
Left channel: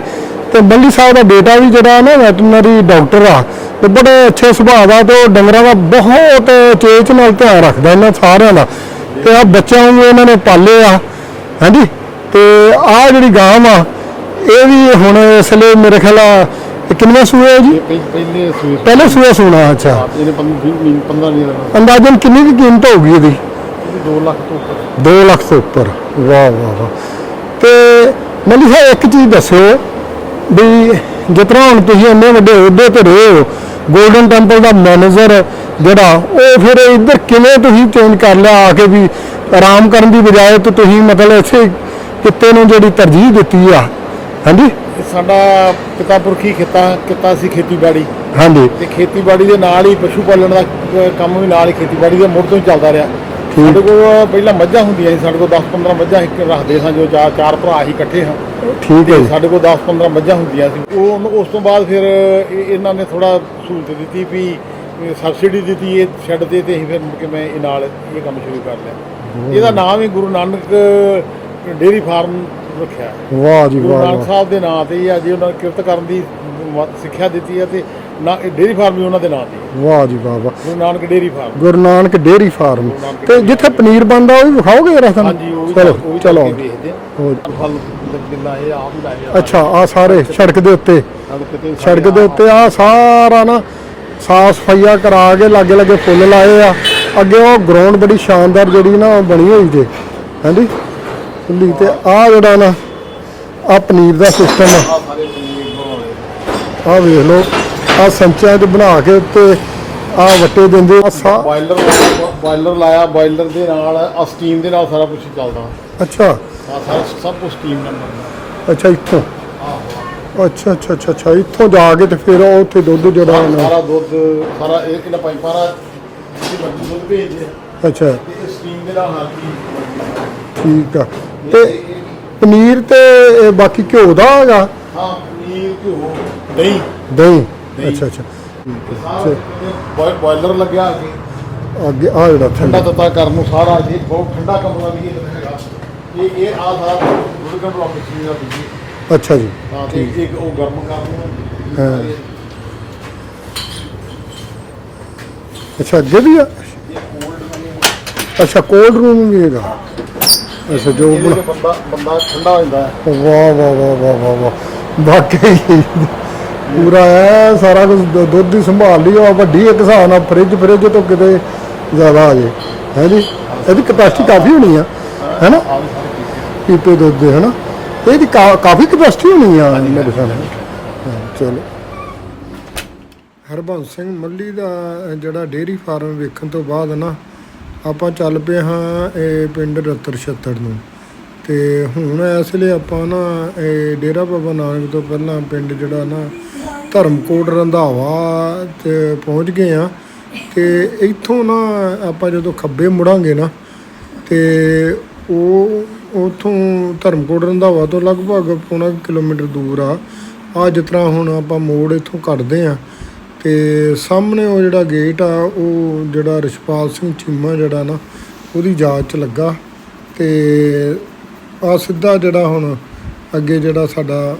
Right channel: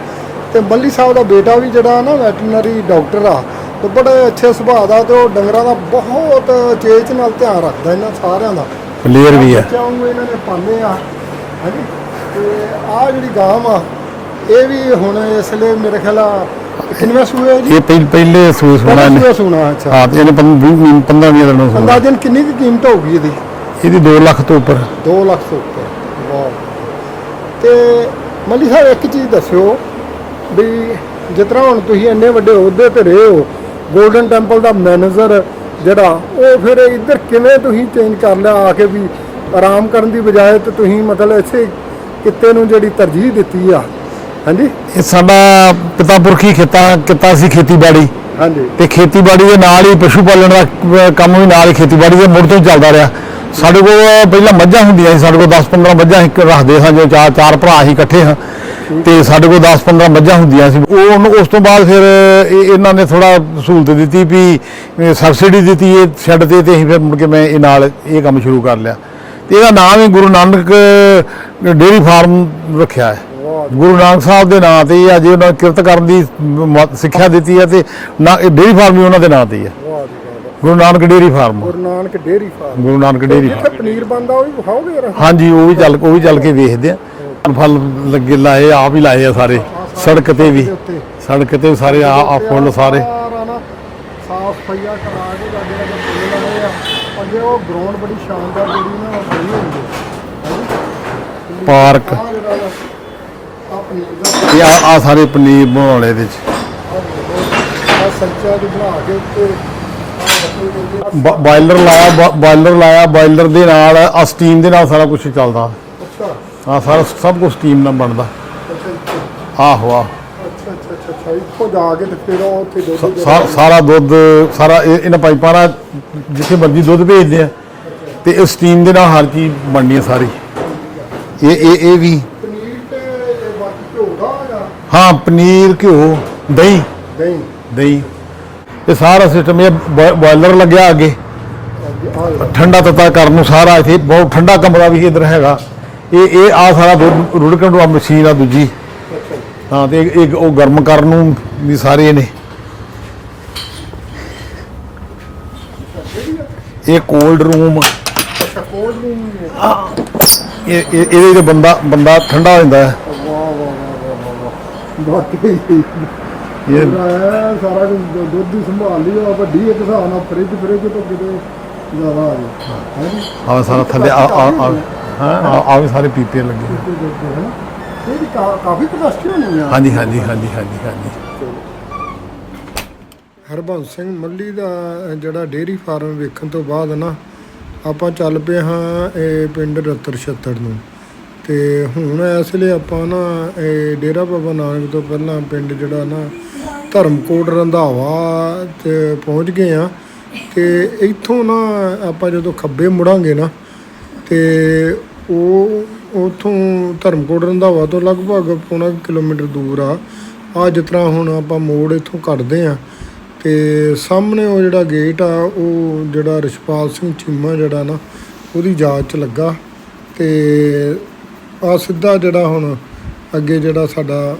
ਤੇ ਬੱਲੀ ਸਾਹਿਬ ਦਾ ਬੇਟਾ ਵੀ ਜਿਹੜਾ ਨਾ ਵੈਟਰਨਰੀ ਡਾਕਟਰ ਆ ਤੇ ਬੜੇ ਅੱਛੇ ਸੁਭਾਅ ਦਾ ਤੇ ਉਹ ਡੰਗਰਾਂ ਦਾ ਬਹੁਤ ਚੇਚ ਨਾਲ ਧਿਆਨ ਰੱਖਦਾ ਇਹਨਾਂ ਸਾਰਿਆਂ ਦਾ। ਤੇ ਹੀ। ਬੱਚਿਆਂ ਨੂੰ ਇਹਨਾਂ ਨੇ ਪਾਲੇ ਆ ਹਾਂਜੀ? ਤੇ ਆ ਜਿਹੜੀ ਗਾਂ ਆ ਇਹ ਵੀ ਹੁਣ ਇਸ ਲਈ ਮੇਰੇ ਖਿਆਲ ਆ ਕਿੰਨਾ ਸੂਆ ਹੈ ਜੀ? ਇਹ ਪਹਿ- ਪਹਿਲੇ ਸੂਸ ਪਹਿਲਾ ਸੂਆ ਸੁਣਾ ਅੱਛਾ। ਹਾਂ ਇਹਨੇ 15 20 ਦਿਨ ਨੂੰ ਅੰਦਾਜ਼ਨ ਕਿੰਨੀ ਕੁ ਕੀਮਤ ਹੋਊਗੀ ਇਹਦੀ? ਇਹਦੀ 2 ਲੱਖ ਤੋਂ ਉੱਪਰ। 2 ਲੱਖ ਤੋਂ ਉੱਪਰ। ਵਾਹ ਵਾਹ ਵਾਹ। ਤੇ ਮੱਲੀ ਸਾਹਿਬ ਇੱਕ ਚੀਜ਼ ਦੱਸੋ ਵੀ ਜਿਸ ਤਰ੍ਹਾਂ ਹੁਣ ਤੁਸੀਂ ਇੰਨੇ ਵੱਡੇ ਅਹੁਦੇ ਤੇ ਰਹੇ ਹੋ 골ਡਨ ਟੈਂਪਲ ਦਾ ਮੈਨੇਜਰ ਜਿਹੜਾ ਉਹ ਫਿਰ ਇੱਧਰ ਕਿਵੇਂ ਤੁਸੀਂ ਚੇਂਜ ਕਰ ਲਿਆ ਆ ਕੇ ਵੀ ਆਰਾਮ ਕਰਨ ਦੀ ਬਜਾਏ ਤੇ ਤੁਸੀਂ ਮਤਲਬ ਇਸੇ ਕਿੱਤੇ ਨੂੰ ਜਿਹੜੀ ਤਰਜੀਹ ਦਿੱਤੀ ਆ? ਹਾਂਜੀ? ਇਹ ਸਾਡਾ ਪਿਤਾ ਪੁਰਖੀ ਖੇਤਾ ਕਿੱਤਾ ਸੀ ਖੇਤੀਬਾੜੀ। ਹਾਂਜੀ। ਤੇ ਖੇਤੀਬਾੜੀ ਦੇ ਨਾਲ ਹੀ ਪਸ਼ੂ ਪਾਲਣ ਦਾ ਕੰਮ ਵੀ ਨਾਲ ਹੀ ਖੇਤੀਬਾੜੀ ਦੇ ਮੁੜ ਤੋਂ ਹੀ ਚੱਲਦਾ ਰਿਹਾ। ਸਾਡੇ ਕੋਲ ਪਹਿਲਾਂ ਮੱਝਾਂ ਹੁੰਦੀਆਂ ਸੀ ਸਾਡੇ ਕੋਲ 10-15 ਮੱਝਾਂ ਅਸੀਂ ਰੱਖਦੇ ਸਾਂ ਜੋ ਚਾਰ ਚਾਰ ਭਰਾ ਅਸੀਂ ਇਕੱਠੇ ਹਾਂ। ਤੇ ਸਾਡੇ ਕੋਲ 10-15 ਮੱਝਾਂ ਹੁੰਦੀਆਂ ਸੀ। ਉਹ ਉਹਨੂੰ- ਉਸ ਤੋਂ ਬਾਅਦ ਫਿਰ ਇਹ- ਇਹਨਾਂ ਨੇ ਥੋੜਾ ਸਹੂਲਤ ਦਿੱਤੀ ਵੀ ਸਬਸਿਡੀ ਦਿੱਤੀ ਇਹ ਛੱਡ ਤੇ ਤੇ ਅਸੀਂ ਫਿਰ ਮੁੜ ਕੇ ਮੈਂ ਇਹ ਨਾਲ ਇਹ ਕੰਮ ਸ਼ੁਰੂ ਕਰ ਲਿਆ। ਇਹਦਾ ਨਾਮ ਹੀ ਗੁਰੂ ਨਾਨਕ ਡੇਅਰੀ ਫਾਰਮ ਰੱਖਿਆ ਹੈ। ਵਾਹ ਜੀ ਗੁਰੂ। ਨਾਨਕ ਸਾਹਿਬ ਦੇ ਨਾਂ ਤੇ ਅੱਜ ਉਹਨਾਂ ਕਿਰਤ ਕਰਨ ਦੀ ਸਿੱਖਿਆ ਦਿੱਤੀ ਹੈ ਤੇ ਨਾ ਇਹ ਡੇਅਰੀ ਫਾਰਮ ਵੀ ਉਹਨਾਂ ਦੇ ਨਾਂ ਤੇ ਹੀ ਵਾਹ ਜੀ ਵਾਹ ਵਾਹ। Guru Nanak dairy farm. Guru Nanak dairy farm. Guru Nanak ਤੇ ਡੇਅਰੀ ਜਿੱਥੇ ਪਨੀਰ ਬਣਦਾ ਉਹ ਵੀ ਵਿਖਾਓਗੇ ਜਰਾ? ਹਾਂਜੀ ਉਹ ਵੀ ਚੱਲ ਉਹ ਵੀ ਚੱਲ। ਕੇ ਵੇਖਦੇ ਆ। ਫਲ ਲੱਗੇ ਲਾਏ ਆਪ ਹੀ ਲਾਏ ਆ ਸਾਰੇ। ਸੜਕ। ਦੇ ਉੱਤੇ। ਸੜਕ ਤੇ ਸਾਰੇ ਸੜਕ ਦੇ ਉੱਤੇ ਆ ਸਾਰਾ। ਨਾ ਸਾਫ਼ ਸਫਾਈਆ ਕਰਾ ਕੇ ਲਾਗੇ ਲਾਗੇ ਫੁੱਲ ਲਾਏ ਆ। ਅੱਗੇ ਉਹ ਗਰਾਊਂਡ ਬੜੀ ਸ਼ਾਨਦਾਰ ਜਿਹੜੀ ਨਾ ਉਹ ਬਣੀ ਹੋਈ ਜੇ। ਹਾਂਜੀ? ਪਾਰਕ। ਆ ਜਿਹੜਾ ਨਾ ਆ ਪਨੀਰ ਦਾ ਸਿਸਟਮ ਆ। ਸਾਰੇ ਪਨੀਰ ਬਣਾਉਣੇ ਇਹਦੇ ਚ। ਆ ਵੇਖ ਲਓ ਆ ਸੰਚਿਆਂ 'ਚ ਬਣਾ ਕੇ ਉੱਤੇ ਆ ਵੱਟੇ ਦਿੰਦੇ ਬਾਇਲਰ ਲਾਇਆ ਬਾਇਲਰ ਲਾਇਆ ਬਾਇਲਰ ਦੇ ਨਾਲ ਆ ਸਟੀਮ ਦੇ ਨਾਲ ਸਾਰਾ ਕੁਝ ਚੱਲਦਾ। ਅੱਛਾ। ਆ ਸਾਰਾ ਸਭ ਕੁਝ ਸਟੀਮ ਨਾਲ ਬਣਦਾ। ਅੱਛਾ ਇੱਥੋਂ? ਆਹੋ ਆ ਅੱਛਾ ਅੱਛਾ ਅੱਛਾ ਅੱਛਾ ਇੱਥੋਂ ਜਾ ਕੇ ਤੇ ਫਿਰ ਉਹ ਉੱਥੇ ਦੁੱਧ ਜਿਹੜਾ ਸਾਰਾ ਦੁੱਧ ਸਾਰਾ ਇਹ- ਇਹਨਾਂ ਪਾਈਪਾਂ ਨਾਲ ਜਿੱਥੇ ਮਰਜ਼ੀ ਦੁੱਧ ਭੇਜਦੇ ਆ। ਅੱਛਾ। ਤੇ ਇਹ ਸਟੀਮ ਦੇ ਨਾਲ ਹਰ ਚੀਜ਼ ਬਣਨੀ ਹੈ ਸਾਰੀ। ਠੀਕ ਆ। ਇਹ ਇਹ ਇਹ ਵੀ। ਪਨੀਰ ਤੇ ਇਹ ਬਾਕੀ ਘਿਓ ਦਾ ਹੈਗਾ ਹਾਂ ਪਨੀਰ ਘਿਓ। ਦਹੀਂ। ਦਹੀਂ। ਦਹੀਂ। ਅੱਛਾ ਅੱਛਾ। ਇਹ ਸਾਰਾ ਸਿਸਟਮ ਇਹ ਬੋਇਲਰ ਲੱਗਿਆ ਅੱਗੇ। ਅੱਗੇ ਆ ਜਿਹੜਾ ਠੰਡਾ ਤੱਤਾ ਕਰਨ ਨੂੰ ਸਾਰਾ ਇੱਥੇ ਬਹੁਤ ਠੰਡਾ ਕਮਰਾ ਵੀ ਇਧਰ ਹੈਗਾ। ਇਹ ਇਹ ਆ ਸਾਰਾ ਰੁੜਕਣ ਨੂੰ ਮਸ਼ੀਨ ਆ ਦੂਜੀ। ਅੱਛਾ ਜੀ। ਹਾਂ ਤੇ ਇੱਕ- ਉਹ ਗਰਮ ਕਰਨ ਨੂੰ ਵੀ ਸਾਰੇ ਨੇ। ਅੱਛਾ ਵੀ ਆ? ਇਹ ਕੋਲਡ ਰੂਮ ਅੱਛਾ ਕੋਲਡ ਰੂਮ ਵੀ ਹੈਗਾ ਇਹ ਇਹ- ਇਹਦੇ ਤੇ ਬੰਦਾ ਬੰਦਾ ਠੰਡਾ ਹੋ ਜਾਂਦਾ ਹੈ। ਵਾਹ ਵਾਹ ਵਾਹ ਵਾਹ ਵਾਹ ਵਾਹ ਵਾਕਈ। ਪੂਰਾ ਹੈ ਸਾਰਾ ਕੁਝ ਦੁੱਧ ਦੀ ਸੰਭਾਲ ਲਈ ਆ ਵੱਡੀ ਇੱਕ ਹਿਸਾਬ ਨਾਲ ਫ੍ਰਿਜ ਫ੍ਰਿਜ ਤੋਂ ਕਿਤੇ ਜ਼ਿਆਦਾ ਆ ਜੇ। ਹੈ ਜੀ? ਇਹਦੀ ਕਪੈਸਿਟੀ ਕਾਫੀ ਹੋਣੀ ਆ। ਹੈ ਨਾ? ਆ ਵੀ ਸਾਰੇ ਪੀਪੇ ਲੱਗੇ। ਪੀਪੇ ਦੁੱਧ ਦੇ ਹੈ ਨਾ? ਇਹਦੀ ਕਾਫੀ ਕਪੈਸਿਟੀ ਹੋਣੀ ਆ। ਹਾਂਜੀ ਹਾਂਜੀ ਹਾਂਜੀ। ਚਲੋ। ਹਰਬੰਸ ਸਿੰਘ ਮੱਲੀ ਦਾ ਜਿਹੜਾ ਡੇਅਰੀ ਫਾਰਮ ਵੇਖਣ ਤੋਂ ਬਾਅਦ ਨਾ ਆਪਾਂ ਚੱਲ ਪਏ ਹਾਂ ਇਹ ਪਿੰਡ ਰਤਰ ਛੱਤੜ ਨੂੰ। ਤੇ ਹੁਣ ਇਸ ਲਈ ਆਪਾਂ ਨਾ ਇਹ ਡੇਰਾ ਬਾਬਾ ਨਾਨਕ ਤੋਂ ਪਹਿਲਾਂ ਪਿੰਡ ਜਿਹੜਾ ਨਾ ਧਰਮਕੋਟ ਰੰਧਾਵਾ ਤੇ ਪਹੁੰਚ ਗਏ ਆ ਤੇ ਇੱਥੋਂ ਨਾ ਆਪਾਂ ਜਦੋਂ ਖੱਬੇ ਮੁੜਾਂਗੇ ਨਾ, ਤੇ ਉਹ ਉਥੋਂ ਧਰਮਕੋਟ ਰੰਧਾਵਾ ਤੋਂ ਲਗਭਗ ਪੌਣਾ ਕਿਲੋਮੀਟਰ ਦੂਰ ਆ। ਆ ਜਿਸ ਤਰ੍ਹਾਂ ਹੁਣ ਆਪਾਂ ਮੋੜ ਇੱਥੋਂ ਕੱਢਦੇ ਆ ਤੇ ਸਾਹਮਣੇ ਉਹ ਜਿਹੜਾ ਗੇਟ ਆ ਉਹ ਜਿਹੜਾ ਰਿਸ਼ਪਾਲ ਸਿੰਘ ਚੀਮਾ ਜਿਹੜਾ ਨਾ ਉਹਦੀ ਯਾਦ ਚ ਲੱਗਾ। ਤੇ ਆ ਸਿੱਧਾ ਜਿਹੜਾ ਹੁਣ ਅੱਗੇ ਜਿਹੜਾ ਸਾਡਾ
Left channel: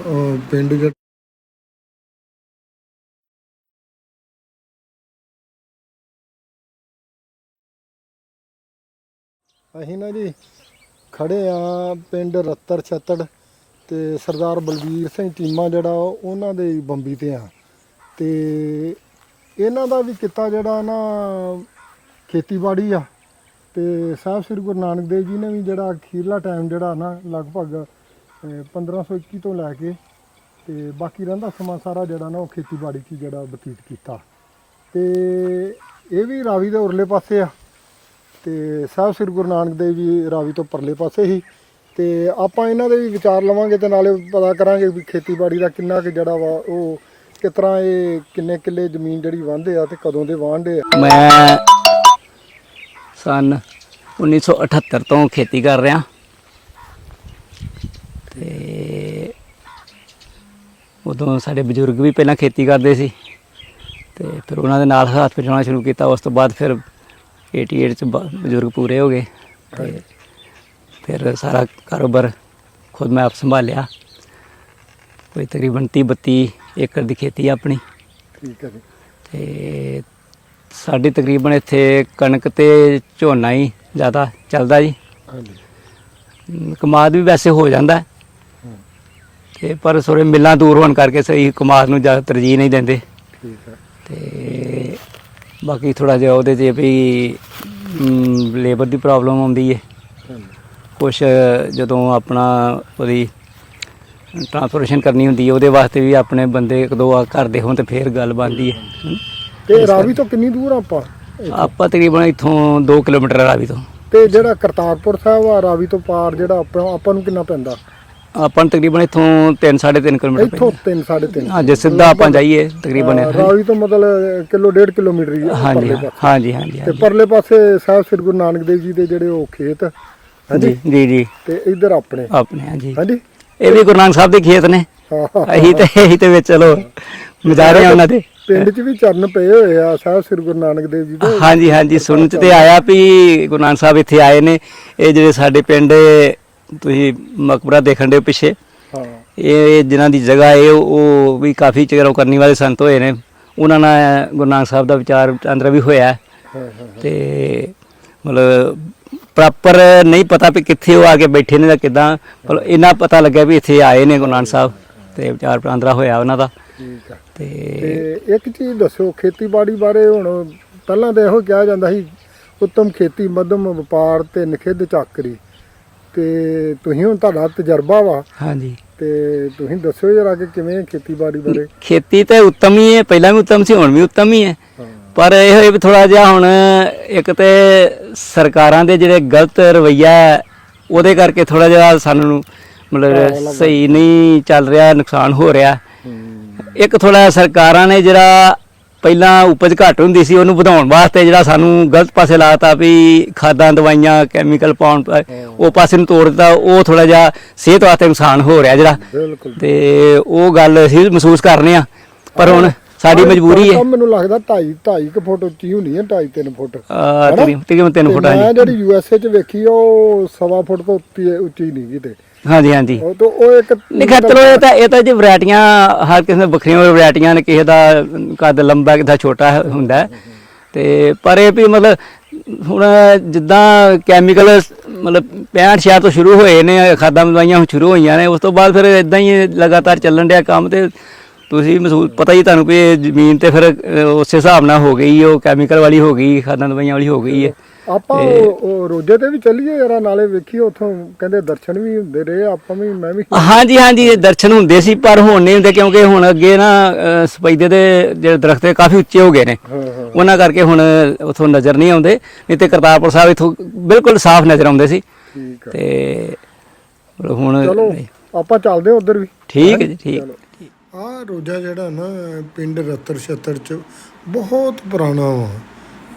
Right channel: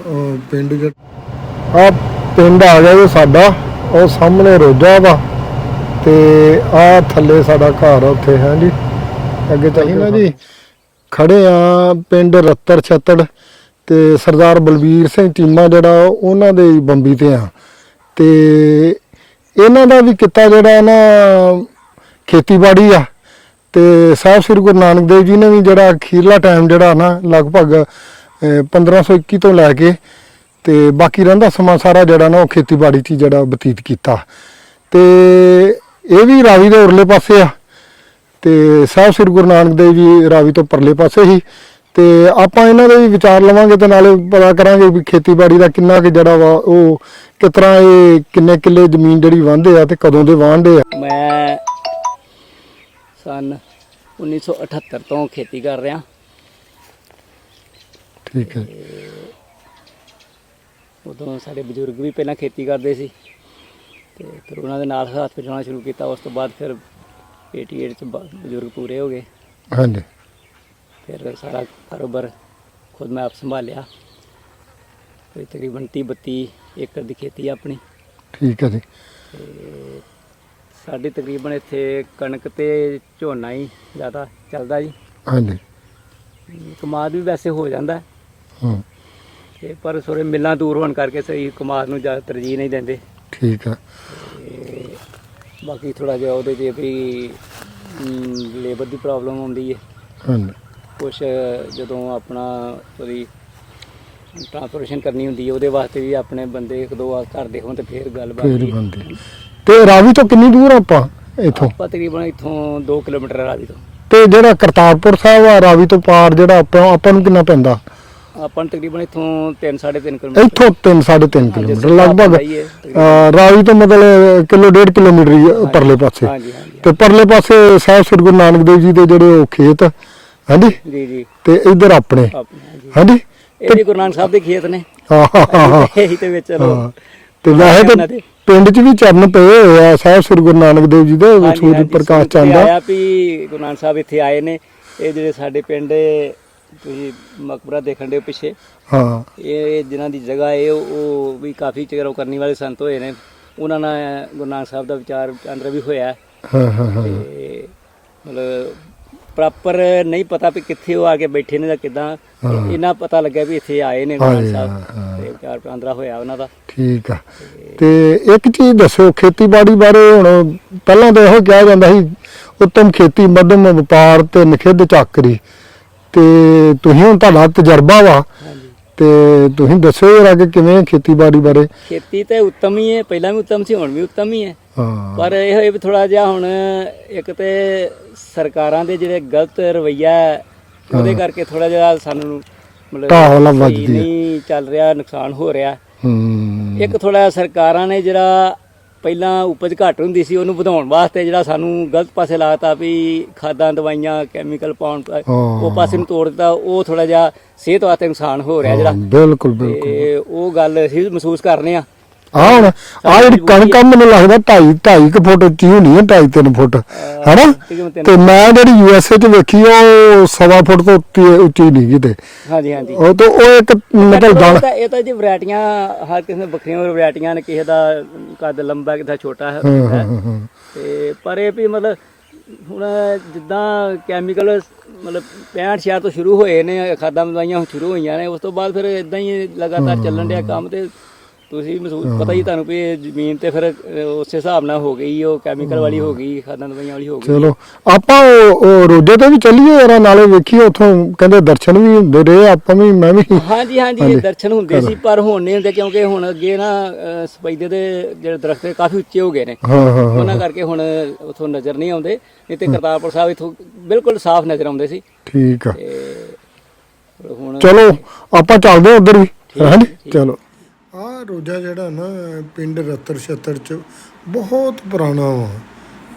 ਪਿੰਡ ਜਿਹੜਾ ਆ ਪਿੰਡ ਆ ਗਿਆ ਜੀ ਸਾਡਾ ਉਹ ਸਾਹਮਣੇ ਰੋਜਾ ਵਾ। ਤੇ ਆ ਥੱਲੇ ਸਾਡਾ ਘਰ ਆ ਉੱਥੇ ਹੈ ਜੀ? ਅੱਗੇ ਚੱਲੀ ਨਾ ਜੀ। ਖੜੇ ਆ ਪਿੰਡ ਰੱਤਰ ਛੱਤੜ। ਤੇ ਸਰਦਾਰ ਬਲਬੀਰ ਸਿੰਘ ਚੀਮਾ ਜਿਹੜਾ ਉਹਨਾਂ ਦੇ ਬੰਬੀ ਤੇ ਆ। ਤੇ ਇਹਨਾਂ ਦਾ ਵੀ ਕਿੱਤਾ ਜਿਹੜਾ ਨਾ ਖੇਤੀਬਾੜੀ ਆ। ਤੇ ਸਾਹਿਬ ਸ੍ਰੀ ਗੁਰੂ ਨਾਨਕ ਦੇਵ ਜੀ ਨੇ ਵੀ ਜਿਹੜਾ ਅਖੀਰਲਾ ਟਾਈਮ ਜਿਹੜਾ ਨਾ ਲਗਭਗ ਅਹ, 1521 ਤੋਂ ਲੈ ਕੇ ਤੇ ਬਾਕੀ ਰਹਿੰਦਾ ਸਮਾਂ ਸਾਰਾ ਜਿਹੜਾ ਨਾ ਉਹ ਖੇਤੀਬਾੜੀ 'ਚ ਹੀ ਜਿਹੜਾ ਬਤੀਤ ਕੀਤਾ। ਤੇ ਇਹ ਵੀ ਰਾਵੀ ਦੇ ਉਰਲੇ ਪਾਸੇ ਆ। ਤੇ ਸਾਹਿਬ ਸ੍ਰੀ ਗੁਰੂ ਨਾਨਕ ਦੇਵ ਜੀ ਰਾਵੀ ਤੋਂ ਪਰਲੇ ਪਾਸੇ ਹੀ ਤੇ ਆਪਾਂ ਇਹਨਾਂ ਦੇ ਵੀ ਵਿਚਾਰ ਲਵਾਂਗੇ ਤੇ ਨਾਲੇ ਪਤਾ ਕਰਾਂਗੇ ਵੀ ਖੇਤੀਬਾੜੀ ਦਾ ਕਿੰਨਾ ਕਿ ਜਿਹੜਾ ਵਾ ਉਹ ਕਿਸ ਤਰ੍ਹਾਂ ਇਹ ਕਿੰਨੇ ਕਿੱਲੇ ਜ਼ਮੀਨ ਜਿਹੜੀ ਵਾਹੁੰਦੇ ਆ ਤੇ ਕਦੋਂ ਦੇ ਵਾਹੁੰਦੇ ਆ। ਮੈਂ ਸਨ 1978 ਤੋਂ ਖੇਤੀ ਕਰ ਰਿਹਾ। ਠੀਕ ਹੈ ਉਦੋਂ ਸਾਡੇ ਬਜ਼ੁਰਗ ਵੀ ਪਹਿਲਾਂ ਖੇਤੀ ਕਰਦੇ ਸੀ ਤੇ ਫਿਰ ਉਹਨਾਂ ਦੇ ਨਾਲ ਹੱਥ ਪਜਾਉਣਾ ਸ਼ੁਰੂ ਕੀਤਾ ਉਸ ਤੋਂ ਬਾਅਦ ਫਿਰ 88 ਚ ਬ- ਬਜ਼ੁਰਗ ਪੂਰੇ ਹੋ ਗਏ। ਹਾਂਜੀ। ਫਿਰ ਸਾਰਾ ਕਾਰੋਬਾਰ ਖੁਦ ਮੈਂ ਆਪ ਸੰਭਾਲਿਆ। ਕੋਈ ਤਕਰੀਬਨ 30 32 ਏਕੜ ਦੀ ਖੇਤੀ ਆ ਆਪਣੀ। ਠੀਕ ਹੈ ਜੀ। ਤੇ ਸਾਡੀ ਤਕਰੀਬਨ ਇੱਥੇ ਕਣਕ ਤੇ ਝੋਨਾ ਹੀ ਜ਼ਿਆਦਾ ਚੱਲਦਾ ਜੀ। ਹਾਂਜੀ। ਕਮਾਦ ਵੀ ਵੈਸੇ ਹੋ ਜਾਂਦਾ। ਹੈ, ਹੂੰ ਤੇ ਪਰ ਸੋਰੇ ਮਿੱਲਾਂ ਦੂਰ ਹੋਣ ਕਰਕੇ ਸਹੀ ਕਮਾਦ ਨੂੰ ਜ਼ਿਆਦਾ ਤਰਜੀਹ ਨਹੀਂ ਦਿੰਦੇ। ਠੀਕ ਹੈ ਤੇ ਬਾਕੀ ਥੋੜਾ ਜਿਹਾ ਉਹਦੇ ਤੇ ਵੀ ਲੇਬਰ ਦੀ ਪ੍ਰੋਬਲਮ ਆਉਂਦੀ ਹੈ ਹਾਂਜੀ। ਕੁਛ ਜਦੋਂ ਆਪਣਾ ਉਹਦੀ ਟ੍ਰਾਂਸਪੋਰਟੇਸ਼ਨ ਕਰਨੀ ਹੁੰਦੀ ਹੈ ਉਹਦੇ ਵਾਸਤੇ ਵੀ ਆਪਣੇ ਬੰਦੇ ਇੱਕ ਦੋ ਆ ਘਰ ਦੇ ਹੋਣ ਤੇ ਫੇਰ ਗੱਲ ਬਣਦੀ ਹੈ। ਤੇ ਰਾਵੀ ਤੋਂ ਕਿੰਨੀ ਦੂਰ ਆਪਾਂ ਇੱਥੋਂ? ਆਪਾਂ ਤਕਰੀਬਨ ਇੱਥੋਂ 2 ਕਿਲੋਮੀਟਰ ਰਾਵੀ ਤੋਂ। ਤੇ ਜਿਹੜਾ ਕਰਤਾਰਪੁਰ ਸਾਹਿਬ ਆ ਰਾਵੀ ਤੋਂ ਪਾਰ ਜਿਹੜਾ ਆਪਾਂ ਆਪਾਂ ਨੂੰ ਕਿੰਨਾ ਪੈਂਦਾ? ਆਪਾਂ ਤਕਰੀਬਨ ਇੱਥੋਂ 3 3.5 ਕਿਲੋਮੀਟਰ ਇੱਥੋਂ 3 3.5 ਹਾਂ, ਜਿਸ ਤਰ੍ਹਾਂ ਆਪਾਂ ਜਾਈਏ ਤਕਰੀਬਨ। ਰਾਵੀ ਤੋਂ ਮਤਲਬ ਕਿਲੋ ਡੇਢ ਕਿਲੋਮੀਟਰ ਹੀ ਆ ਪਰਲੇ ਪਾਸੇ। ਹਾਂਜੀ ਹਾਂਜੀ ਤੇ ਪਰਲੇ ਪਾਸੇ ਸਾਹਿਬ ਸ੍ਰੀ ਗੁਰੂ ਨਾਨਕ ਦੇਵ ਜੀ ਦੇ ਜਿਹੜੇ ਉਹ ਖੇਤ ਹਾਂਜੀ? ਜੀ ਜੀ। ਤੇ ਇੱਧਰ ਆਪਣੇ? ਆਪਣੇ ਹਾਂਜੀ। ਹਾਂਜੀ? ਇਹ ਵੀ ਗੁਰੂ ਨਾਨਕ ਸਾਹਿਬ ਦੇ ਖੇਤ ਨੇ। ਹਾਂ ਅਸੀਂ ਤੇ ਅਸੀਂ ਤੇ ਵਿੱਚ ਚਲੋ ਗੁਜ਼ਾਰੇ ਉਹਨਾਂ ਦੇ। ਪਿੰਡ 'ਚ ਵੀ ਚਰਨ ਪਏ ਹੋਏ ਆ ਸਾਹਿਬ ਸ੍ਰੀ ਗੁਰੂ ਨਾਨਕ ਦੇਵ ਜੀ ਦਾ ਹਾਂਜੀ ਹਾਂਜੀ ਸੁਣ ਤੇ। ਆਇਆ ਵੀ ਗੁਰੂ ਨਾਨਕ ਸਾਹਿਬ ਇੱਥੇ ਆਏ ਨੇ। ਇਹ ਜਿਹੜੇ ਸਾਡੇ ਪਿੰਡ ਤੁਸੀਂ ਮਕਬਰਾ ਦੇਖਣ ਦੇ ਪਿੱਛੇ। ਹਾਂ। ਇਹ ਜਿਨ੍ਹਾਂ ਦੀ ਜਗ੍ਹਾ ਹੈ ਉਹ ਵੀ ਕਾਫੀ ਚਿਰੋਂ ਕਰਨੀ ਵਾਲੇ ਸੰਤ ਹੋਏ ਨੇ। ਉਹਨਾਂ ਨਾਲ ਗੁਰੂ ਨਾਨਕ ਸਾਹਿਬ ਦਾ ਵਿਚਾਰ ਅੰਦਰ ਵੀ ਹੋਇਆ। ਹਾਂ ਹਾਂ। ਤੇ ਮਤਲਬ ਪ੍ਰੋਪਰ ਨਹੀਂ ਪਤਾ ਵੀ ਕਿੱਥੇ ਉਹ ਆ ਕੇ ਬੈਠੇ ਨੇ ਜਾਂ ਕਿਦਾਂ। ਇੰਨਾ ਪਤਾ ਲੱਗਿਆ ਵੀ ਇੱਥੇ ਆਏ ਨੇ ਗੁਰੂ ਨਾਨਕ ਸਾਹਿਬ ਤੇ ਵਿਚਾਰ ਪ੍ਰਾਂਤਰਾ ਹੋਇਆ ਉਹਨਾਂ ਦਾ। ਠੀਕ ਆ। ਤੇ ਤੇ ਇੱਕ ਚੀਜ਼ ਦੱਸੋ ਖੇਤੀਬਾੜੀ ਬਾਰੇ ਹੁਣ ਪਹਿਲਾਂ ਤਾਂ ਇਹੋ ਕਿਹਾ ਜਾਂਦਾ ਸੀ ਉੱਤਮ ਖੇਤੀ ਮੱਧਮ ਵਪਾਰ ਤੇ ਨਖਿੱਧ ਚਾਕਰੀ। ਤੇ ਤੁਸੀਂ ਹੁਣ ਤੁਹਾਡਾ ਤਜਰਬਾ ਵਾ। ਹਾਂਜੀ। ਤੇ ਤੁਸੀਂ ਦੱਸੋ ਜਰਾ ਕਿ ਕਿਵੇਂ ਖੇਤੀਬਾੜੀ ਬਾਰੇ? ਖੇਤੀ ਤਾਂ ਉੱਤਮ ਹੀ ਹੈ ਪਹਿਲਾਂ ਵੀ ਉੱਤਮ ਸੀ ਹੁਣ ਵੀ ਉੱਤਮ ਹੀ ਹੈ। ਪਰ ਇਹ ਹੋਏ ਵੀ ਥੋੜਾ ਜਿਹਾ ਹੁਣ ਇੱਕ ਤੇ ਸਰਕਾਰਾਂ ਦੇ ਜਿਹੜੇ ਗਲਤ ਰਵਈਆ ਉਹਦੇ ਕਰਕੇ ਥੋੜਾ ਜਿਹਾ ਸਾਨੂੰ ਮਤਲਬ ਸਹੀ। ਨਹੀਂ ਚੱਲ ਰਿਹਾ ਨੁਕਸਾਨ ਹੋ ਰਿਹਾ। ਇੱਕ ਥੋੜਾ ਸਰਕਾਰਾਂ ਨੇ ਜਿਹੜਾ ਪਹਿਲਾਂ ਉਪਜ ਘੱਟ ਹੁੰਦੀ ਸੀ ਉਹਨੂੰ ਵਧਾਉਣ ਵਾਸਤੇ ਜਿਹੜਾ ਸਾਨੂੰ ਗਲਤ ਪਾਸੇ ਲਾਤਾ ਵੀ ਖਾਦਾਂ ਦਵਾਈਆਂ ਕੈਮੀਕਲ ਪਾਉਣ। ਉਹ ਪਾਸੇ ਨੂੰ ਤੋੜ ਦਿੱਤਾ ਉਹ ਥੋੜਾ ਜਿਹਾ ਸਿਹਤ ਵਾਸਤੇ ਨੁਕਸਾਨ ਹੋ ਰਿਹਾ ਜਿਹੜਾ। ਬਿਲਕੁਲ ਬਿਲਕੁਲ ਤੇ ਉਹ ਗੱਲ ਅਸੀਂ ਮਹਿਸੂਸ ਕਰਨੇ ਆ ਆਹ ਹੁਣ ਸਾਡੀ ਮਜਬੂਰੀ ਹੈ। ਮੈਨੂੰ ਲੱਗਦਾ 2.5 2.5 ਕੁ ਫੁੱਟ ਉੱਚੀ ਹੋਣੀ ਹੈ 2.5 3 ਫੁੱਟ। ਆਹ, ਹੈਨਾ? ਤਕਰੀਬਨ ਤਿੰਨ ਤੇ ਫੁੱਟ ਮੈਂ ਜਿਹੜੀ ਯੂਐਸਏ ਚ ਵੇਖੀ ਉਹ ਸਵਾ ਫੁੱਟ ਤੋਂ ਉੱਤੀ ਉੱਚੀ ਨਹੀਂ ਕਿਤੇ। ਹਾਂਜੀ ਹਾਂਜੀ। ਉਹ ਤਾਂ ਉਹ ਇੱਕ ਚਲੋ ਇਹ ਤਾਂ ਇਹ ਤਾਂ ਜੀ ਵੈਰਾਈਟੀਆਂ ਹਰ ਕਿਸੇ ਦੇ ਵੱਖਰੀਆਂ ਵੈਰਾਈਟੀਆਂ ਨੇ ਕਿਸੇ ਦਾ ਕੱਦ ਲੰਬਾ ਕਿਸੇ ਦਾ ਛੋਟਾ ਹੁੰਦਾ। ਹੈ। ਤੇ ਪਰ ਇਹ ਵੀ ਮਤਲਬ ਹੁਣ ਜਿੱਦਾਂ ਕੈਮੀਕਲ ਮਤਲਬ 65 ਛਿਆ ਤੋਂ ਸ਼ੁਰੂ ਹੋਏ ਨੇ ਖਾਦਾਂ ਦਵਾਈਆਂ ਹੁਣ ਸ਼ੁਰੂ ਹੋਈਆਂ ਨੇ ਉਸ ਤੋਂ ਬਾਅਦ ਫਿਰ ਇਦਾਂ ਹੀ ਲਗਾਤਾਰ ਚੱਲਣ ਡਿਆ ਕੰਮ ਤੇ ਤੁਸੀਂ ਮਹਿਸੂਸ ਪਤਾ ਹੀ ਤੁਹਾਨੂੰ ਵੀ ਇਹ ਜ਼ਮੀਨ ਤੇ ਫਿਰ ਉਸੇ ਹਿਸਾਬ ਨਾਲ ਹੋ ਗਈ ਉਹ ਕੈਮੀਕਲ ਵਾਲੀ ਹੋ ਗਈ ਖਾਦਾਂ ਦਵਾਈਆਂ ਵਾਲੀ ਹੋ ਗਈ। ਹੈ। ਚਲੋ ਆਪਾਂ ਉਹ- ਉਹ ਤੇ ਵੀ ਚੱਲੀਏ ਯਾਰ ਨਾਲੇ ਵੇਖੀਏ ਉਥੋਂ ਕਹਿੰਦੇ ਦਰਸ਼ਨ ਵੀ ਹੁੰਦੇ ਰਹੇ ਆਪਾਂ ਵੀ ਮੈਂ ਵੀ। ਹਾਂਜੀ ਹਾਂਜੀ ਇਹ ਦਰਸ਼ਨ ਹੁੰਦੇ ਸੀ ਪਰ ਹੁਣ ਨਹੀਂ ਹੁੰਦੇ ਕਿਉਂਕਿ ਹੁਣ ਅੱਗੇ ਨਾ ਅ, ਸਪੈਦੇ ਦੇ ਜਿਹੜੇ ਦਰਖਤ ਨੇ ਕਾਫੀ ਉੱਚੇ ਹੋ ਗਏ ਨੇ। ਹਾਂ ਹਾਂ ਉਹਨਾਂ ਕਰਕੇ ਹੁਣ ਉਥੋਂ ਨਜ਼ਰ ਨਹੀਂ ਆਉਂਦੇ ਨਹੀਂ ਤੇ ਕਰਤਾਰਪੁਰ ਸਾਹਿਬ ਇਥੋਂ ਬਿਲਕੁਲ ਸਾਫ਼ ਨਜ਼ਰ ਆਉਂਦੇ ਸੀ। ਠੀਕ ਆ। ਤੇ ਹੁਣ ਚਲੋ ਆਪਾਂ ਚੱਲਦੇ ਉਧਰ ਵੀ। ਠੀਕ ਹੈ ਹੈਂ? ਜੀ, ਠੀਕ। ਚਲੋ। ਆ ਰੋਜਾ ਜਿਹੜਾ ਨਾ, ਪਿੰਡ ਰਤਰ ਛਤਰ ਚ ਬਹੁਤ ਪੁਰਾਣਾ ਵਾ।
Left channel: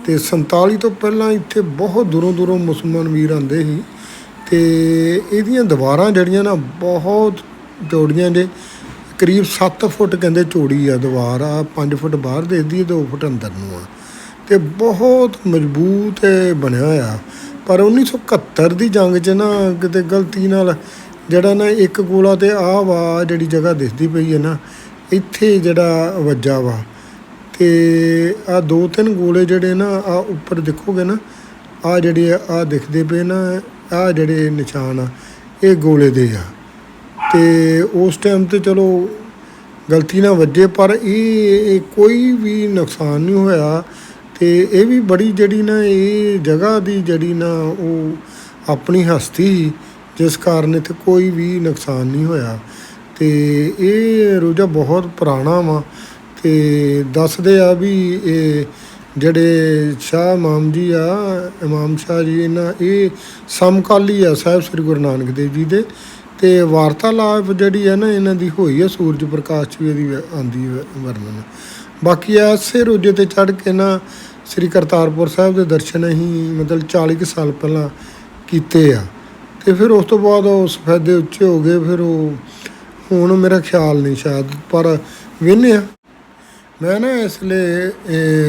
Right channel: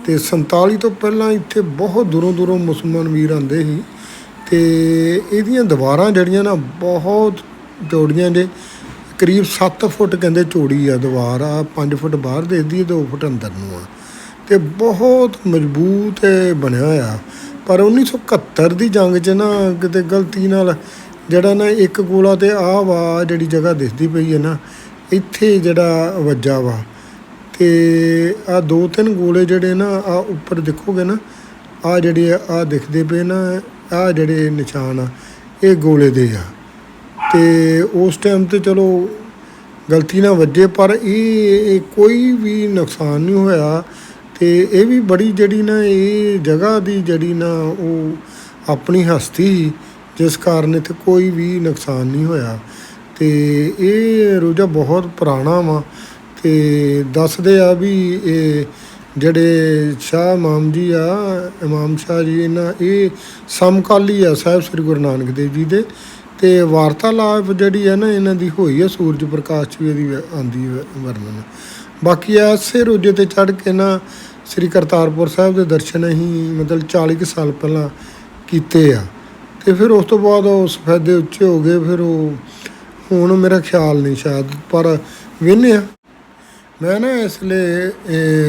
ਤੇ 47 ਤੋਂ ਪਹਿਲਾਂ ਇੱਥੇ ਬਹੁਤ ਦੂਰੋਂ ਦੂਰੋਂ ਮੁਸਲਮਾਨ ਵੀਰ ਆਉਂਦੇ ਸੀ। ਤੇ ਇਹਦੀਆਂ ਦੀਵਾਰਾਂ ਜਿਹੜੀਆਂ ਨਾ, ਬਹੁਤ ਚੌੜੀਆਂ ਜੇ ਕਰੀਬ 7 ਫੁੱਟ ਕਹਿੰਦੇ ਚੌੜੀ ਆ ਦੀਵਾਰ, ਆ 5 ਫੁੱਟ ਬਾਹਰ ਦੇਖਦੀ ਹੈ 2 ਫੁੱਟ ਅੰਦਰ ਨੂੰ ਆ। ਤੇ ਬਹੁਤ ਮਜ਼ਬੂਤ ਬਣਿਆ ਹੋਇਆ। ਪਰ 1971 ਦੀ ਜੰਗ 'ਚ ਨਾ, ਕਿਤੇ ਗਲਤੀ ਨਾਲ ਜਿਹੜਾ ਨਾ ਇੱਕ ਗੋਲਾ ਤੇ ਆਹ ਵਾ, ਜਿਹੜੀ ਜਗ੍ਹਾ ਦਿਸਦੀ ਪਈ ਹੈ ਨਾ, ਇੱਥੇ ਜਿਹੜਾ ਵੱਜਾ ਵਾ। ਤੇ ਆ ਦੋ ਤਿੰਨ ਗੋਲੇ ਜਿਹੜੇ ਨਾ ਆ ਉੱਪਰ ਦੇਖੋਗੇ ਨਾ ਆ ਜਿਹੜੇ ਆ ਦਿਖਦੇ ਪਏ ਨਾ ਆ ਜਿਹੜੇ ਨਿਸ਼ਾਨ ਆ, ਇਹ ਗੋਲੇ ਦੇ ਆ। ਤੇ ਉਸ ਟਾਈਮ ਤੇ ਚਲੋ ਗਲਤੀ ਨਾਲ ਵੱਜੇ, ਪਰ ਇਹ ਕੋਈ ਵੀ ਨੁਕਸਾਨ ਨਹੀਂ ਹੋਇਆ। ਤੇ ਇਹ ਵੀ ਬੜੀ ਜਿਹੜੀ ਨਾ, ਇਹ ਜਗ੍ਹਾ ਦੀ ਜਿਹੜੀ ਨਾ, ਉਹ ਆਪਣੀ ਹਸਤੀ ਜਿਸ ਕਾਰਨ ਇੱਥੇ ਕੋਈ ਵੀ ਨੁਕਸਾਨ ਨਹੀਂ ਹੋਇਆ। ਤੇ ਇਹ ਰੋਜਾ ਬਹੁਤ ਪੁਰਾਣਾ ਵਾ ਤੇ ਦੱਸਦੇ ਆ ਵੀ ਇਹ ਜਿਹੜੇ ਸ਼ਾਹ ਇਮਾਮ ਜੀ ਆ, ਇਮਾਮ ਸ਼ਾਹ ਜੀ ਇਹਨਾਂ, ਇਹ ਸਮਕਾਲੀ ਆ ਸਾਹਿਬ ਸ੍ਰੀ ਗੁਰੂ ਨਾਨਕ ਦੇਵ ਜੀ ਦੇ। ਤੇ ਵਾਰਤਾਲਾਪ ਜਿਹੜੀ ਹੈ ਨਾ ਇਹਨਾਂ ਦੀ ਹੋਈ ਹੈ ਸੂਰਜ ਪ੍ਰਕਾਸ਼ 'ਚ ਵੀ ਇਹਦੀ ਆਂਦੀ ਵਰਣਨ। ਬਾਕੀ ਐਸੇ ਰੋਜੇ ਤੇ ਚੜ ਕੇ ਨਾ ਸ੍ਰੀ ਕਰਤਾਰਪੁਰ ਸਾਹਿਬ ਦੇ ਦਰਸ਼ਨ ਅਸੀਂ ਮਤਲਬ 40 ਕੁ ਸਾਲ ਪਹਿਲਾਂ ਕੀਤੇ ਆ। ਤੇ ਫਿਰ ਉਸ ਤੋਂ ਬਾਅਦ ਉਹ ਸਫੈਦੇ ਉੱਚੇ ਹੋ ਗਏ, ਫਿਰ ਉਹ ਹੁਣ ਮੇਰਾ ਖਿਆਲ ਨਹੀਂ ਸ਼ਾਇਦ, ਪਰ ਵੇਨੇ ਆ ਮੈਂ ਨਾ ਇਸ ਲਈ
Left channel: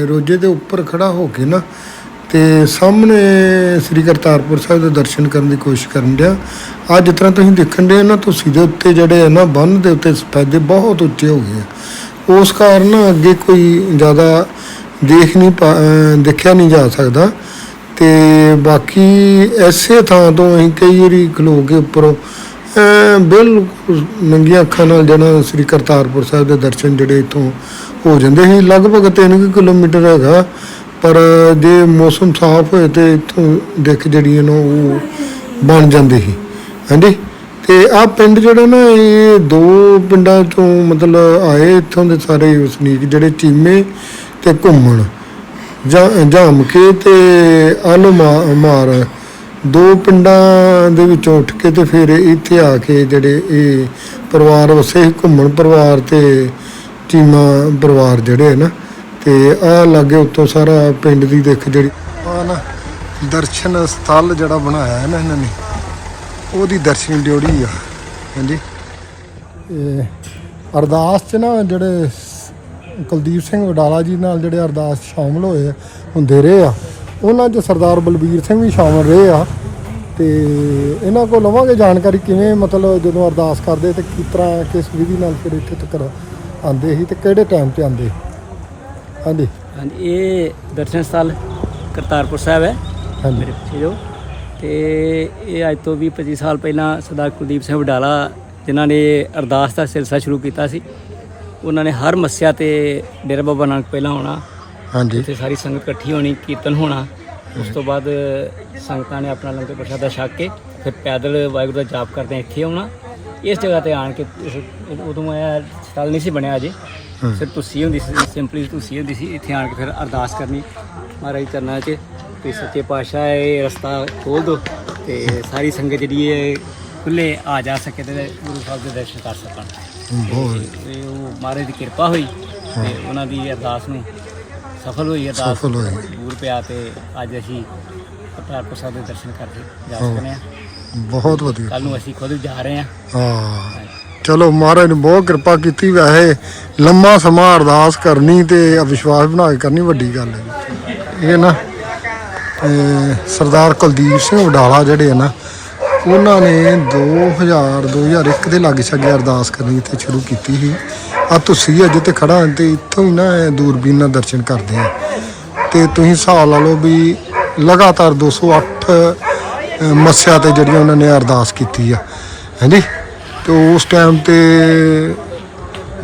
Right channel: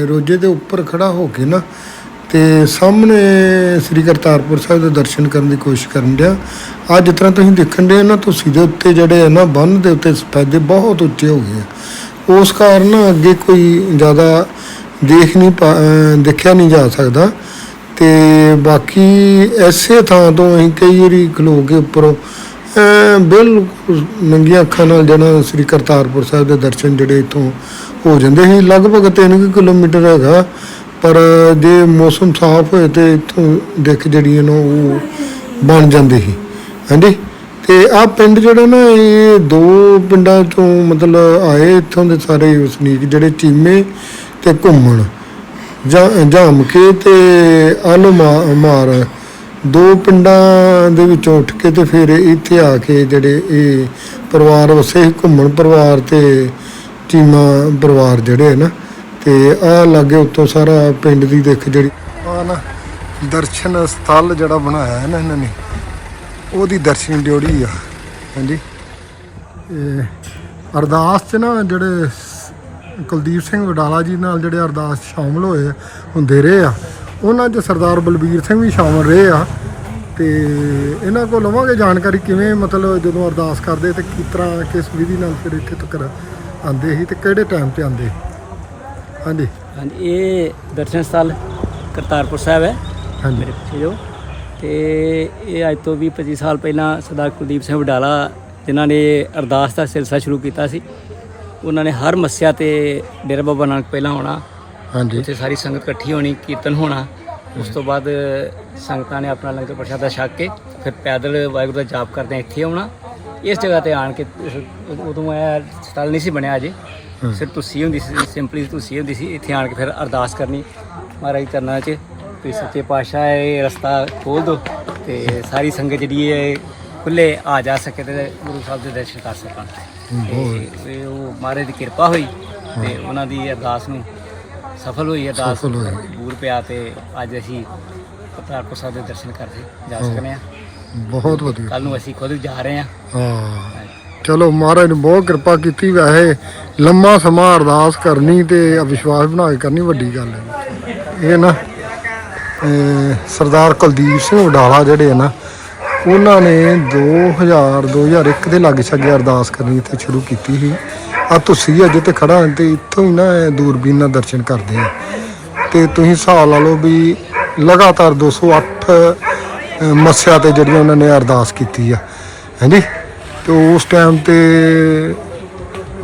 ਰੋਜੇ ਦੇ ਉੱਪਰ ਖੜਾ ਹੋ ਕੇ ਨਾ ਤੇ ਸਾਹਮਣੇ ਸ੍ਰੀ ਕਰਤਾਰਪੁਰ ਸਾਹਿਬ ਦੇ ਦਰਸ਼ਨ ਕਰਨ ਦੀ ਕੋਸ਼ਿਸ਼ ਕਰਨ ਡਿਆ। ਅੱਜ ਜਿਸ ਤਰ੍ਹਾਂ ਤੁਸੀਂ ਦੇਖਣ ਦੇ ਨਾ, ਤੁਸੀਂ ਦੇ ਉੱਤੇ ਜਿਹੜੇ ਆ ਨਾ ਬੰਨ ਦੇ ਉੱਤੇ ਸਫੈਦੇ ਬਹੁਤ ਉੱਚੇ ਹੋ ਗਏ ਆ। ਉਸ ਕਾਰਨ ਅੱਗੇ ਕੋਈ ਜ਼ਿਆਦਾ ਦੇਖ ਨਹੀਂ ਪਾ- ਦੇਖਿਆ ਨਹੀਂ ਜਾ ਸਕਦਾ। ਤੇ ਬਾਕੀ ਐਸੇ ਥਾਂ ਤੋਂ ਅਸੀਂ ਕਈ ਵਾਰੀ ਖਲੋ ਕੇ ਉੱਪਰੋਂ ਬਿਲਕੁਲ ਨੰਗੀਆਂ ਅੱਖਾਂ ਨਾਲ ਜਿਹੜਾ ਸ੍ਰੀ ਕਰਤਾਰਪੁਰ ਸਾਹਿਬ ਦੇ ਦਰਸ਼ਨ ਜਿਹੜੇ ਇਥੋਂ ਹੋ ਜਾਂਦੇ ਸੀ। ਲਗਭਗ 3 ਕਿਲੋਮੀਟਰ ਹੈਗਾ, ਪਰ ਜੇ ਮੌਸਮ ਸਾਫ਼ ਹੋਏ ਤੇ ਇਥੋਂ ਦਿੱਖ ਜਿਹੜੀ ਹੈ ਨਾ ਉਹ ਬਣ ਜਾਂਦੀ ਸੀ। ਹਾਂਜੀ? ਤੇ ਆ ਪਿੰਡ ਜਿਹੜਾ ਨਾ, ਇਹ ਦੋ ਪਿੰਡਾਂ ਤੋਂ ਮਤਲਬ ਆਏ ਇੱਥੋਂ ਦੇ ਸਾਰੇ ਵਸਨੀਕ ਜਿਹੜੇ ਚੀਮੇ ਤੇ ਘੁੰਮਣ। ਜਾਮ ਕੇ ਤੇ ਆਲੂ ਮਾਰ। ਦੋ ਪਿੰਡਾਂ ਦੇ ਵਿੱਚੋਂ ਉੱਠ ਕੇ ਤੇ ਫਿਰ ਇੱਥੇ ਆ ਕੇ ਜਿਹੜੇ ਇਹ ਪਰਿਵਾਰ ਵਸੇ ਸੀ, ਘੁੰਮਣ ਪਰਿਵਾਰ ਤੇ ਚੀਮਾ ਪਰਿਵਾਰ ਜਿਹੜੇ ਹੈ ਨਾ ਤੇ ਆ ਲਾਗੇ ਉੱਤੋਂ ਸਾਰਾ ਪਿੰਡ ਦੀ ਦਿੱਖ ਜਿਹੜੀ ਆ ਨਾ ਦਰਸ਼ਨ ਸਥਲ ਜਿਹੜਾ ਬਣਾਇਆ ਹੈ ਨਾ ਇਹਨਾਂ ਨੇ ਉਹਦੀ ਦਰਸ਼ਨ ਡਿਉੜੀ ਆ। ਹਾਂਜੀ। ਇਹ ਅਰਦਾਸ 'ਚ ਨਾ ਜਿਹੜੇ ਕੁਲਦੀਪ ਸਿੰਘ ਵਡਾਲਾ ਜੀ ਨਾਲ ਜਿਹੜੇ ਅਰਦਾਸ ਸ਼ਾਮਲ ਹੋਏ ਹੁੰਦੇ ਰਹੇ ਆ। ਉਹਨਾਂ 'ਚ ਸਰਦਾਰ ਬਲਬੀਰ ਸਿੰਘ ਵੀ ਸ਼ਾਮਲ ਰਹੇ ਆ। ਤੇ ਇਹਨਾਂ ਕੋਲ ਲਵਾਂਗੇ ਜਾਣਕਾਰੀ ਕਿਵੇਂ ਮਤਲਬ ਜਦੋਂ ਅਰਦਾਸ ਕਰਦੇ ਤੇ ਕਿਸ ਤਰ੍ਹਾਂ ਕਿਸ ਵਿਧੀ ਨਾਲ ਫਿਰ ਇੱਥੇ ਤੱਕ ਆਉਂਦੇ ਸੀ ਤੇ ਕਿਹੜੇ ਟਾਈਮ ਤੇ ਆਉਂਦੇ? ਹਾਂਜੀ। ਹਾਂਜੀ ਇਹ ਦਰਸ਼ਨ ਸਥਲ ਕਰਤਾਰਪੁਰ ਸਾਹਿਬ ਹੈ। ਹਾਂਜੀ। ਮੇਰੇ ਪਿੱਛੇ ਜੋ। ਤੇ ਇਹ ਅੱਜ ਤੋਂ 20 25 ਸਾਲ ਪਹਿਲਾਂ ਸਰਦਾਰ ਕੁਲਦੀਪ ਸਿੰਘ ਵਡਾਲਾ ਜਿਨ੍ਹਾਂ ਨੇ ਅਰਦਾਸ ਦਾ ਸਿਲਸਿਲਾ ਸ਼ੁਰੂ ਕੀਤਾ ਸੀ ਉਹਨਾਂ ਨੇ ਹਰ ਮੱਸਿਆ ਤੇ ਡੇਰਾ ਬਾਬਾ ਨਾਨਕ ਪਹਿਲਾਂ ਆਉਣਾ ਹਾਂਜੀ। ਉੱਥੇ ਸਾਰੀ ਸੰਗਤ ਇਕੱਠੀ ਹੋਣੀ ਕੀਰਤਨ ਹੋਣਾ। ਉਸ ਤੋਂ ਬਾਅਦ ਸੰਗਤਾਂ ਨੇ ਆਪਣਾ ਲੰਗਰ ਪ੍ਰਸ਼ਾਦਾ ਛਕ ਕੇ ਫਿਰ ਪੈਦਲ ਵਾਹਿਗੁਰੂ ਦਾ ਜਾਪ ਕਰਦੇ ਇੱਥੇ ਆਉਣਾ। ਇਸ ਜਗ੍ਹਾ ਤੇ ਆਣ ਕੇ ਉਦੋਂ ਇਹ ਸਟਾਲ ਨਹੀਂ ਸੀ ਬਣਿਆ ਅਜੇ। ਸਿਰ ਤੁਸੀਂ ਹੁੰਦੀ ਸੀ ਸਿੰਪਲੀ ਤੁਸੀਂ ਹੁੰਦੀ ਸੀ। ਇੱਥੇ ਆਣ ਕੇ ਫਿਰ ਅਰਦਾਸ ਕਰਨੀ ਮਹਾਰਾਜ ਦੇ ਚਰਨਾਂ 'ਚ। ਤੇ ਸੱਚੇ ਪਾਤਸ਼ਾਹ ਇਹ ਰਸਤਾ ਖੋਲ ਦੋ ਤੇ ਸਾਰੀ ਸੰਗਤ ਜਿਹੜੀ ਹੈ ਖੁੱਲੇ ਆ ਜਾ ਸਕੇ ਤੇ ਗੁਰੂ ਸਾਹਿਬ ਦੇ ਦਰਸ਼ਨ ਕਰ ਸਕਣ। ਤੇ ਉਹ ਮਹਾਰਾਜ ਦੀ ਕਿਰਪਾ ਹੋਈ ਤੇ ਉਹਨਾਂ ਦੀ ਅਰਦਾਸ ਨੂੰ ਸਫਲ ਹੋਈ ਅਰਦਾਸ ਸਫਲ ਹੋਈ। ਬੂਰ ਪਿਆ ਤੇ ਅੱਜ ਅਸੀਂ ਕਰਤਾਰਪੁਰ ਸਾਹਿਬ ਦੇ ਦਰਸ਼ਨ ਕਰਕੇ ਜਾ ਸਕਨੇ ਆ ਬਹੁਤ ਵਧੀਆ। ਕੱਲ ਨੂੰ ਅਸੀਂ ਖੁਦ ਜਾ ਰਹੇ ਆ ਹਾਂ। ਚਲੋ ਮਹਾਰਾਜ ਨੇ ਬਹੁਤ ਕਿਰਪਾ ਕੀਤੀ। ਵੈਸੇ ਲੰਮਾ ਸਮਾਂ ਅਰਦਾਸ ਕਰਨੀ ਤੇ ਵਿਸ਼ਵਾਸ ਬਣਾ ਕੇ ਕਰਨੀ ਵੱਡੀ ਗੱਲ ਹੈ। ਇਹ ਨਾ ਅਹ ਸਰਦਾਰ ਕੁਲਦੀਪ ਸਿੰਘ ਵਡਾਲਾ ਜਿਹੜੇ ਆ ਨਾ ਉਹਨਾਂ ਨੇ 2000 2001 ਦੇ ਲਾਗੇ ਛਾਗੇ ਅਰਦਾਸ ਕਰਨੀ ਇੱਥੇ ਸ਼ੁਰੂ ਕੀਤੀ ਸੀ। ਆ ਤੁਸੀਂ ਅੱਜ ਤੇ ਖੜਾ ਹਾਂ ਤੇ ਇੱਥੋਂ ਹੀ ਨਾ ਦੂਰਬੀਨ ਨਾਲ ਦਰਸ਼ਨ ਕਰਦੇ ਆ। ਤੇ ਤੁਸੀਂ ਹਿਸਾਬ ਲਾ ਲਓ ਵੀ ਲਗਾਤਾਰ 208 ਅਹ, ਮੱਸਿਆ ਤੇ ਜਿਹੜੀਆਂ ਉਹਨਾਂ ਨੇ ਅਰਦਾਸ ਕੀਤੀ ਆ। ਹਾਂਜੀ? ਤੇ ਉਸ ਟਾਈਮ ਤੇ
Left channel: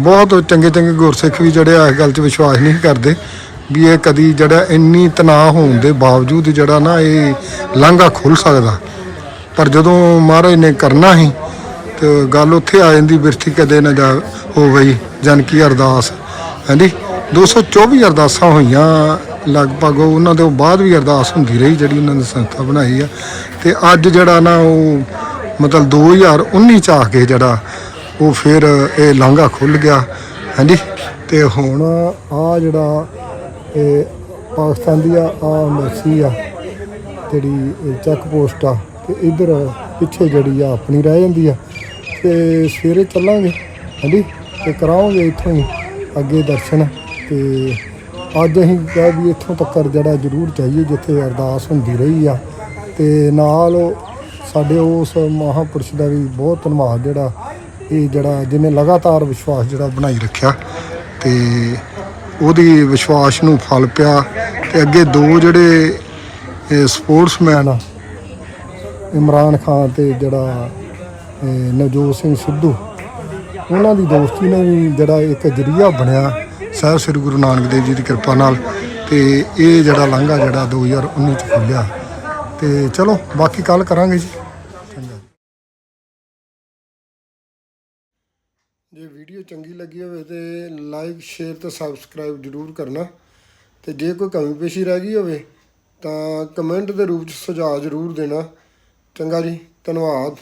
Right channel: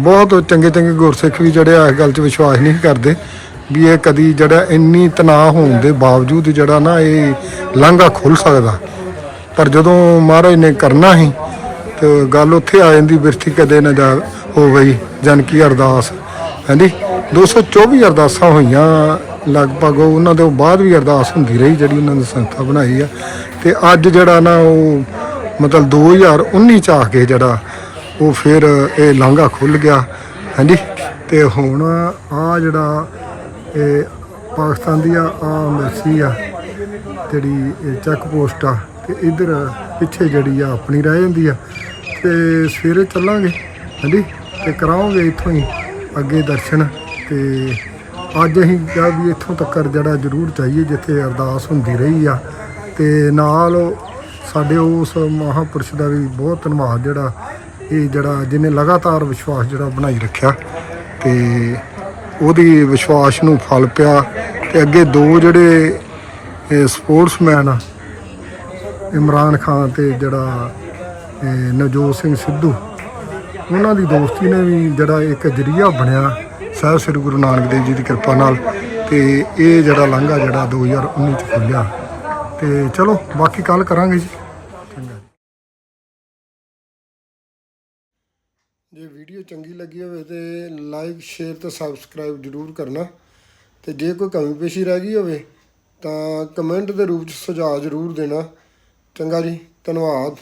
ਬਹੁਤ ਚੰਗੇ ਚੰਗੇ ਗੁਰਸਿੱਖ ਵੀ ਜਿਹੜੇ ਇਸ ਗੱਲ 'ਚ ਵਿਸ਼ਵਾਸ ਨਹੀਂ ਕਰਦੇ ਵੀ ਇਹ ਕਦੀ ਜਿਹੜਾ ਇੰਨੀ ਤਣਾਅ ਹੋਣ ਦੇ ਬਾਵਜੂਦ ਜਿਹੜਾ ਨਾ ਇਹ ਲਾਂਘਾ ਖੁੱਲ ਸਕਦਾ। ਪਰ ਜਦੋਂ ਮਹਾਰਾਜ ਨੇ ਕਰਨਾ ਹੀ ਤੇ ਗੱਲ ਉੱਥੇ ਆ ਜਾਂਦੀ ਬਿਰਥੀ ਕਦੇ ਨਾ ਜਾ ਹੋ ਗਈ, ਜਨ ਕੀ ਅਰਦਾਸ। ਹਾਂਜੀ 224 ਅਰਦਾਸਾਂ ਹੋਈਆਂ, ਲਗਭਗ ਉਹਨਾਂ ਦੇ ਬਾਅਦ ਵੀ ਅਰਦਾਸ ਹੁੰਦੀ ਰਹੀ, ਜਿਹੜੀ ਉਹਨਾਂ ਨੇ ਸੰਸਥਾ ਬਣਾਈ ਆ। ਤੇ ਅੱਜ ਜਿਹੜਾ ਨਾ ਉਹ ਮਤਲਬ 2019 ਚ ਆ ਕੇ ਜਿਹੜਾ ਉਹ ਫਿਰ ਇਹ ਲਾਂਘਾ ਖੁੱਲ ਗਿਆ ਹਾਂਜੀ ਤੇ ਹੁਣ ਆ ਜਿਹੜਾ ਇਹ ਪਾਕਿਸਤਾਨ ਦੀ ਆ ਆ ਐਮਬੈਸੀ ਆ, ਜਿਹੜੀ ਇਹ ਚੈੱਕ ਪੋਸਟ ਆ ਤੇ ਇਧਰ ਪਿੱਛੇ ਜਿਹੜੀ ਆ ਆਪਣੀ ਰਹਿ ਜਾਂਦੀ ਆ। ਤੇ ਸਵੇਰੇ ਚੱਲਾਂਗੇ, ਹਾਂਜੀ, ਤੇ ਕਰਾਵਾਂਗੇ ਇੱਥੋਂ ਹੀ ਅੱਗੇ ਦਰਸ਼ਨ। ਤੇ ਅੱਜ ਅਸੀਂ ਕਿਹਾ ਵੀ ਇੱਥੋਂ ਤੱਕ ਜਿਹੜਾ ਜ਼ਰੂਰ ਚਾਹੀਏ ਜਿੱਥੇ ਅਰਦਾਸ ਹੁੰਦੀ ਰਹੀ ਆ। ਤੇ ਨਾਲ ਸਾਡੇ ਉਸ ਮਹਾਪੁਰਸ਼ ਦਾ ਵੀ ਬਹੁਤ ਧੰਨਵਾਦ ਜਿਹੜਾ ਇਹ ਜਿਹੜਾ ਜਿਹਨੇ ਲਗਾਤਾਰ ਵਿਸ਼ਵਾਸ ਜਿਹੜਾ ਬਣਾਈ ਰੱਖਿਆ। ਤੇ ਉਹਦੀ ਵਿਸ਼ਵਾਸ ਨੂੰ ਫਲ ਪਿਆ। ਤੇ ਅੱਗੇ ਦੋ ਜਿਹੜੇ ਸਪੋਰਟਸਮੈਨ ਆ ਇਮਰਾਨ ਖਾਨ ਤੇ ਜਿਹੜਾ ਨਵਜੋਤ ਸਿੰਘ ਸਿੱਧੂ, ਉਹਨਾਂ ਦੀ ਦੋਸਤੀ ਨੇ ਵੀ ਜਿਹੜਾ ਇੱਕ ਜਰੀਆ ਬਣਿਆ ਸਾਹਿਬ ਸ੍ਰੀ ਗੁਰੂ ਨਾਨਕ ਦੇਵ ਜੀ ਦੀ ਕਿਰਪਾ ਨਾਲ ਤੇ ਇਹ ਜਿਹੜਾ ਲਾਂਘਾ ਜਿਹੜਾ 2019 ਚ ਖੁੱਲਿਆ ਤੇ ਚਲੋ, ਬਾਕੀ ਕੱਲ ਕਰਾਂਗੇ ਜੀ। ਚੰਗਾ ਜੇ ਵੀਡੀਓ ਚੰਗੀ ਲੱਗੀ ਹੋਵੇ ਤੇ ਲਾਈਕ, ਸ਼ੇਅਰ ਤੇ ਸਬਸਕ੍ਰਾਈਬ ਜਰੂਰ ਕਰਨਾ। ਤੇ ਜੇ ਕੋਈ ਕਮੀ ਪੇਸ਼ੀ ਰਹਿ ਗਈ ਹੋਵੇ ਤਾਂ ਕਮੈਂਟ ਦੇ ਰੂਪ ਚ ਸੁਝਾਅ ਜਰੂਰ ਦੇਣਾ। ਚੰਗਾ ਜੀ ਧੰਨਵਾਦ।